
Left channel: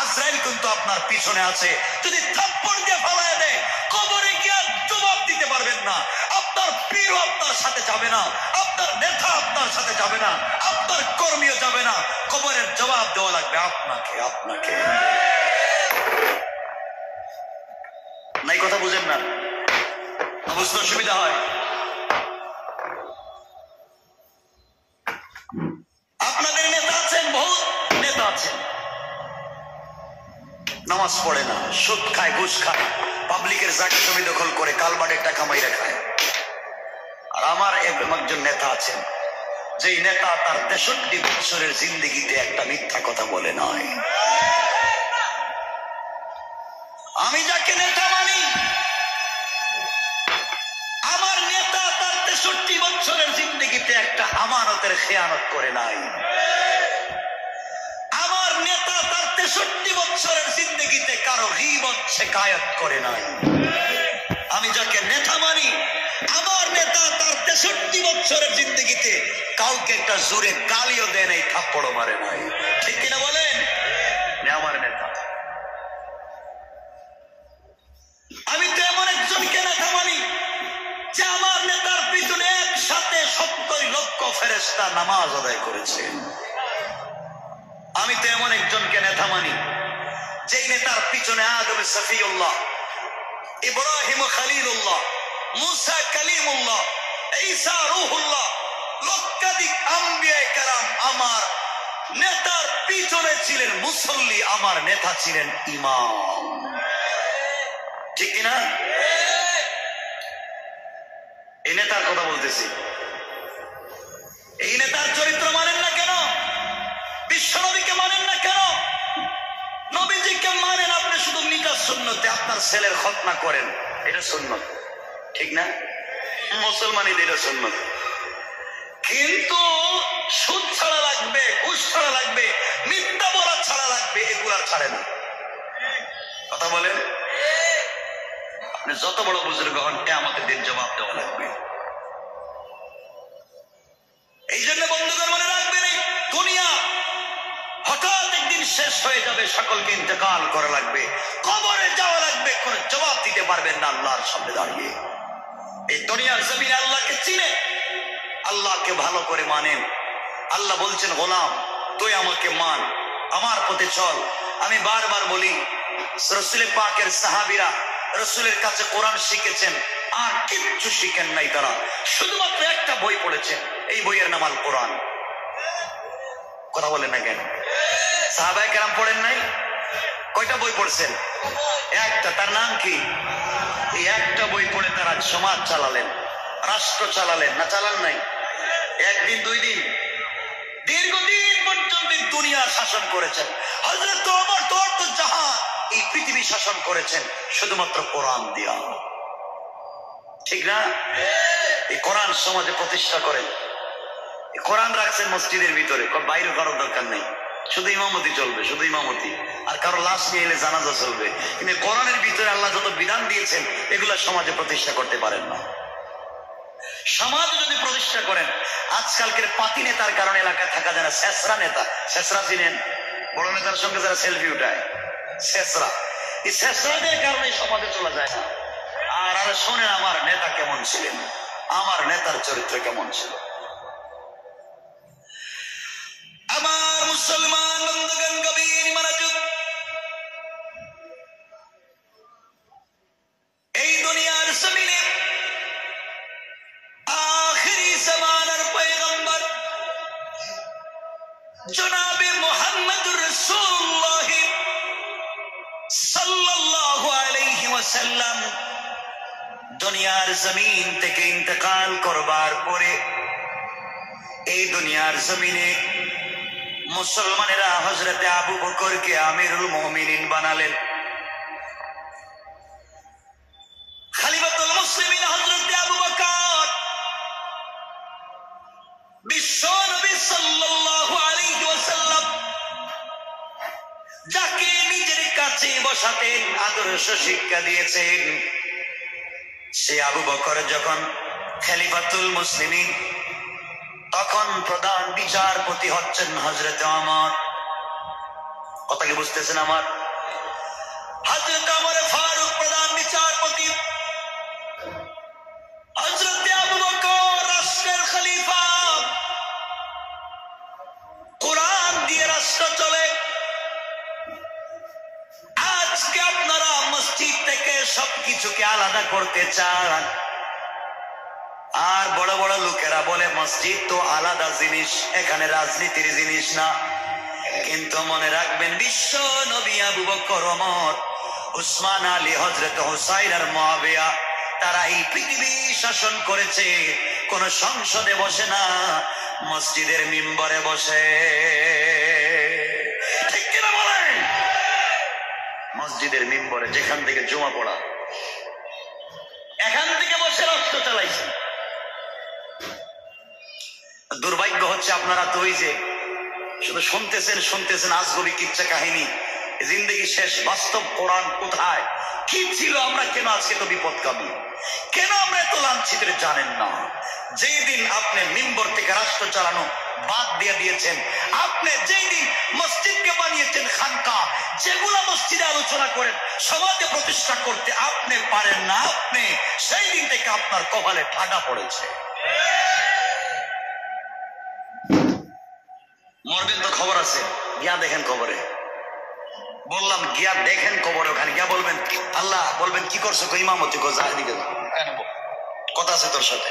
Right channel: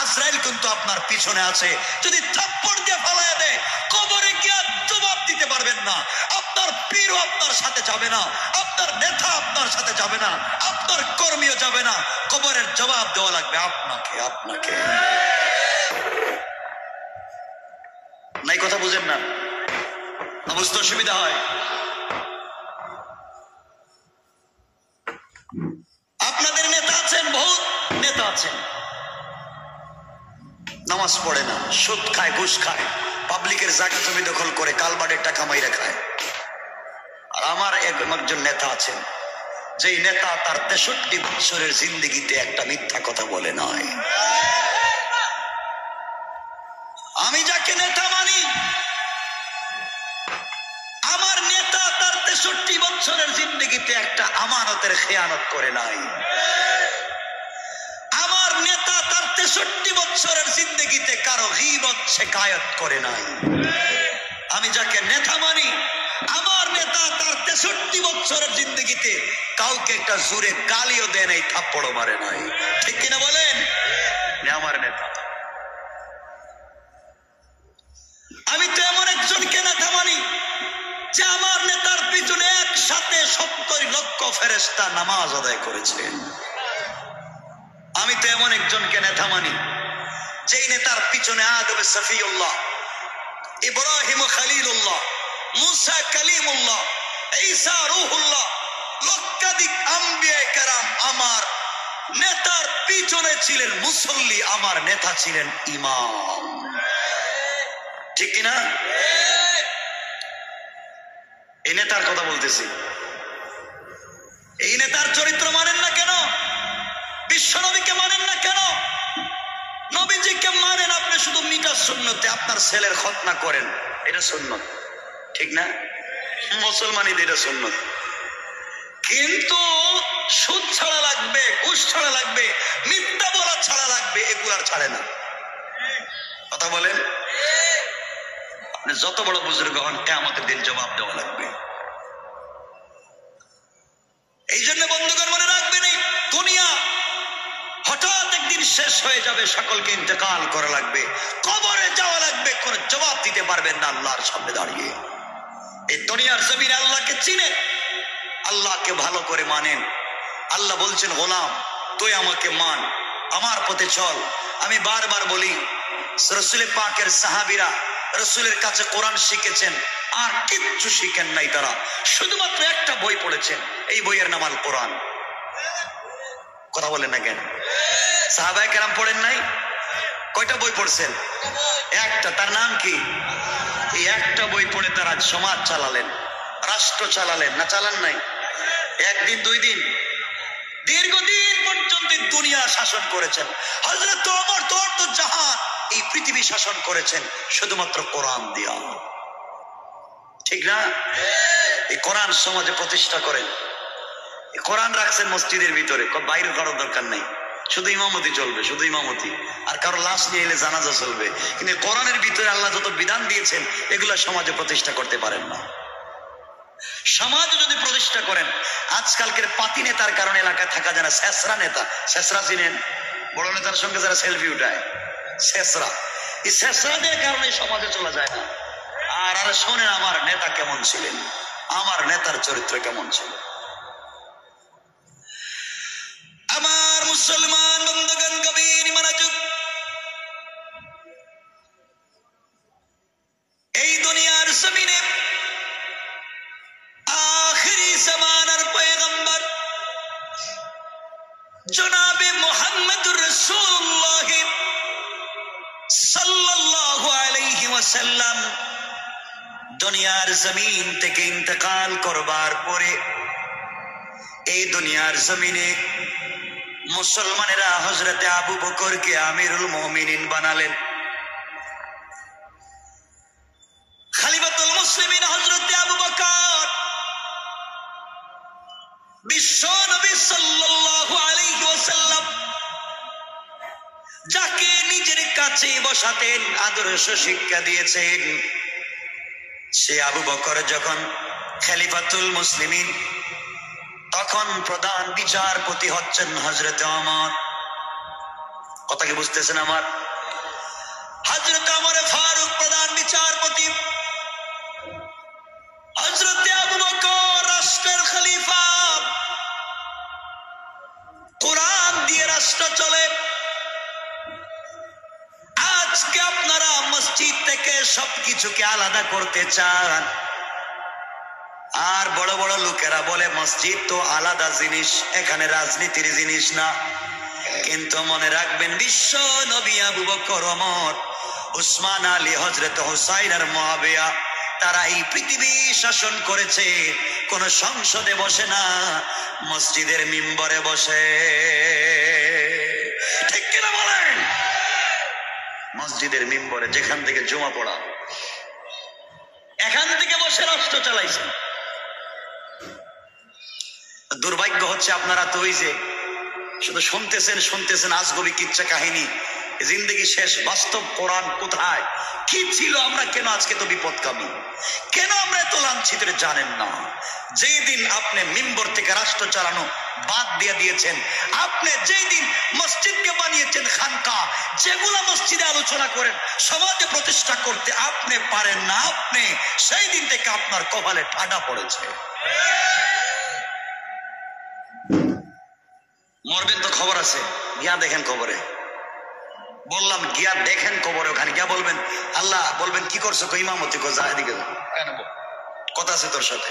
আজরাইল কিন্তু আপনার পিছনে আছে। যদি থাপ্পড় দিয়ে ফালায় দেয়, কবরে গিয়ে জবাব দিতে পারবেন না। আপনার পীরও আপনার সাথে যাবে না, আপনার নেতা আপনার সাথে যাবে না, আপনার কর্মীও যাবে না। কবরের জবাব দেওয়া লাগবে আপনাকে, আপনাকে। নাই কথা বুঝেন না? বুঝতে অসুবিধা হয়? আপনাদের নেতা আছেন, বহুত নেতা আছেন, নামাজ পড়ে না, সুদ খায়, ঘুষ খায়, পাবলিকের জায়গা জমি দখল করে, কালবাড়ের টাকা মাইরা খায়। আর আমার একজন নেতা আছেন, যেই নেতা তার 63 বছরের জিন্দেগিতে একটা মিথ্যা কথা বলে নাই। আমি যাকে নেতা মানি, আমার নেতা তার 63 বছর জিন্দগিতে একটা আমানতের খেয়ানত করে নাই। আমার নেতা তার 63 বছরের জিন্দগিতে কারো গীবত শিকায়ত করে নাই। আমি যাকে নেতা মানি, আমার নেতা তার 63 বছরের জিন্দগিতে কাউকে একটা জোরে গালিও দেয় নাই, থাপ্পড়ও মারে নাই। ঠিক কিনা বলেন? আমার নেতা। আমি তো এমন একজনকে নেতা মানি যে আমার নেতার পিছনে একসাথে 70 লক্ষ ফেরেশতা নামাজ আদায় করেছে। আমি তো এমন একজনকে নেতা মানি যেই নেতার পিছনে আদম সফিউল্লাহ, ইব্রাহিম খলিলুল্লাহ, মুসা কালিমুল্লাহ, ঈসা রূহুল্লাহ, লক্ষাধিক আম্বিয়া কেরাম আমার নেতার পিছনে ছিলেন মুসল্লি, আমার নেতা ছিলেন ইমাম। ঠিক কিনা? এই নেতার কথা বলতেছি। এই নেতার চরিত্র মানেন না কেন? বিশ্বনবীকে মানেন না কেন? নবীজিকে মানেন আপনি শুধু মিটার সুন্নতে, আপনার ছেলের খতনা করেন, এটা সুন্নত, ঠিক না? মুসলমানই এটা সুন্নত। কিন্তু সুদ ছাড়া লাগবে, ঘুষ ছাড়া লাগবে, মিথ্যা বলা ছাড়া লাগবে, এগুলার ছাড়ে না। কথা বলেন? আপনি যত বড় বুজুর্গ হন, কিয়ামতের দিন জবাব দেওয়া লাগবে। এই জন্য বন্ধুগণ মনে রাখবেন, এই দুনিয়া হঠাৎ একদিন শেষ হয়ে যাবে, সকলকে ইন্তেকাল করা লাগবে, কবরে যাওয়া লাগবে, কোন জবাব দিতে পারবেন না আল্লাহর সামনে দাঁড়িয়ে। এই দুনিয়ার জমিনে আল্লাহকে চিনেন, আল্লাহকে ভালো করে মানেন। আল্লাহ বলছেন, গোলাম তুই আমাকে মান, আমার পথে চল। আমি বারবার বলি, রাসূল পাকের সাহাবীরা রাসূলের কাছে কোরআন শিখেছেন, আর কিচ্ছু শিখেন নাই, তারা শুধুমাত্র একটা বই পড়েছেন, এই বইয়ের নাম আল কোরআন। কথা বলেন না কেন? সাহাবায়ে কেরাম পড়েন নাই? কয়টা বই পড়ছেন? একটা। তার নাম কি? এই একটা বই পড়ে তারা সমাজ চালালেন, রাষ্ট্র চালালেন, না চালান নাই? একদিন দুই দিন, দীর্ঘদিন পর্যন্ত দুনিয়া শাসন করেছেন। হযরত ওমর তো জাহান, এই পৃথিবী শাসন করেছেন শুধুমাত্র কোরআন দিয়া। ঠিক না? এই কোরআন সমাজে প্রতিষ্ঠা করেন, কোরআন রাখছেন মসজিদের ভিতরে, বাইরে কারোর দরকার নেই, শুধু ইমামতি চলবে, শুধু ইমামতি, আর কারো লাশ নিয়ে এলে জানাজা চলবে। কিন্তু কোরআনের ভিতরে আল্লাহ যত বিধান দিয়েছেন, এগুলা সমাজে প্রতিষ্ঠা করতে পারেন না। সমাজ যদি প্রতিষ্ঠা করেন, আজকালকের পাতি নেতার কারণে এলাকায় থাকা যায় না। শেষরা নেতা, শেষরা চিনেন? বড় নেতার সঙ্গে যারা সেলফি উঠায়, শেষরা। এই শেষরাদের কারণে সমাজে চলা যায় না। আর আরে শোনেন, আমার নেতা কেমন ছিলেন, আমার নেতার চরিত্র কেমন ছিল। আমার মুসলমান বন্ধুগণ, গভীর মনোযোগ। এই দুনিয়ার জমিনে আখিরি জামানার পয়গম্বর জনাবে মুহাম্মদুর রাসূলুল্লাহ সাল্লাল্লাহু আলাইহি ওয়াসাল্লাম দুনিয়ার জমিন থেকে ইন্তেকাল করবার পরে এই দুনিয়ার জমিনে মুসলমানেরা হযরতে আবু বকরকে আমিরুল মুমিনিন বানালেন। খলিফাতুল মুসলিমিন হযরতে আবু বকর বিশ্ব নবী সাল্লাল্লাহু আলাইহি ওয়াসাল্লাম যাকে নিজের কাছে বসাতেন, আদর্শ শিক্ষা দিয়েছেন, সে আবু বকর যখন খলিফাতুল মুসলিমিন, তখন প্রধান বিচারপতি হচ্ছেন হযরতে ওমর। কথা কি বুঝতেছেন আমার? হযরতে ওমর ফারুক প্রধান বিচারপতি, হযরতে আবু বকর রাষ্ট্রের খলিফা। কোরআন দিয়ে রাষ্ট্র চলে। আজকে আপনারা মসজিদ থেকে সবকিছুকে আলাদা করতে চান, আর বড় বড় লোকেরা বলে মসজিদ তো আলাদা জিনিস, এখানে রাজনীতির জিনিস না। কিন্তু মনে রাখবেন, বিশ্ব নবী আবু বকর, ওমর, উসমান, আলী, হযরত হুসাইন আর মুআবিয়া, তারা এই পৃথিবী শাসন করেছে। কোন সংসদে বসে না, মসজিদের মিম্বরে বসে। ঠিক কিনা বলেন? মসজিদের মিম্বরে, যেখান থেকে জুমা পড়া, এখান থেকে বসে রাষ্ট্র চালাইছে। দুর্ভাগ্য হচ্ছে আপনারা তো ওই যে শুধু শুনতেছেন আজগবি কিচ্ছা কাহিনী, জিন্দগি শেষ, বাস্তব কোরআন কোথায়, কি ছিল, আমরা কেন আজকে তো বিপদকামী, কেন আমরা এত লাঞ্ছিত জানেন না। যেই দিন আপনি মিম্বর থেকে রাষ্ট্র চালানো বাদ দিয়ে দিয়েছেন, আপনি যেই দিন মসজিদকে বানিয়েছেন খানকা, যেগুলা মসজিদে আলোচনা করেন সমাজে প্রতিষ্ঠা করতে আপনি পারেন না, আপনি সেই দিন থেকে আপনার কপালে ঠাডা পড়েছে। মরবেন তো খবর আছে, গিয়া দেখেন কবরে, বললাম গিয়া দেখেন কবরে, ওখানে গিয়া বলবেন আল্লাহ, বলবেন কি করছো, তো ইমামতি কো যা, এদিকে যা, কথা আছে তোর সাথে।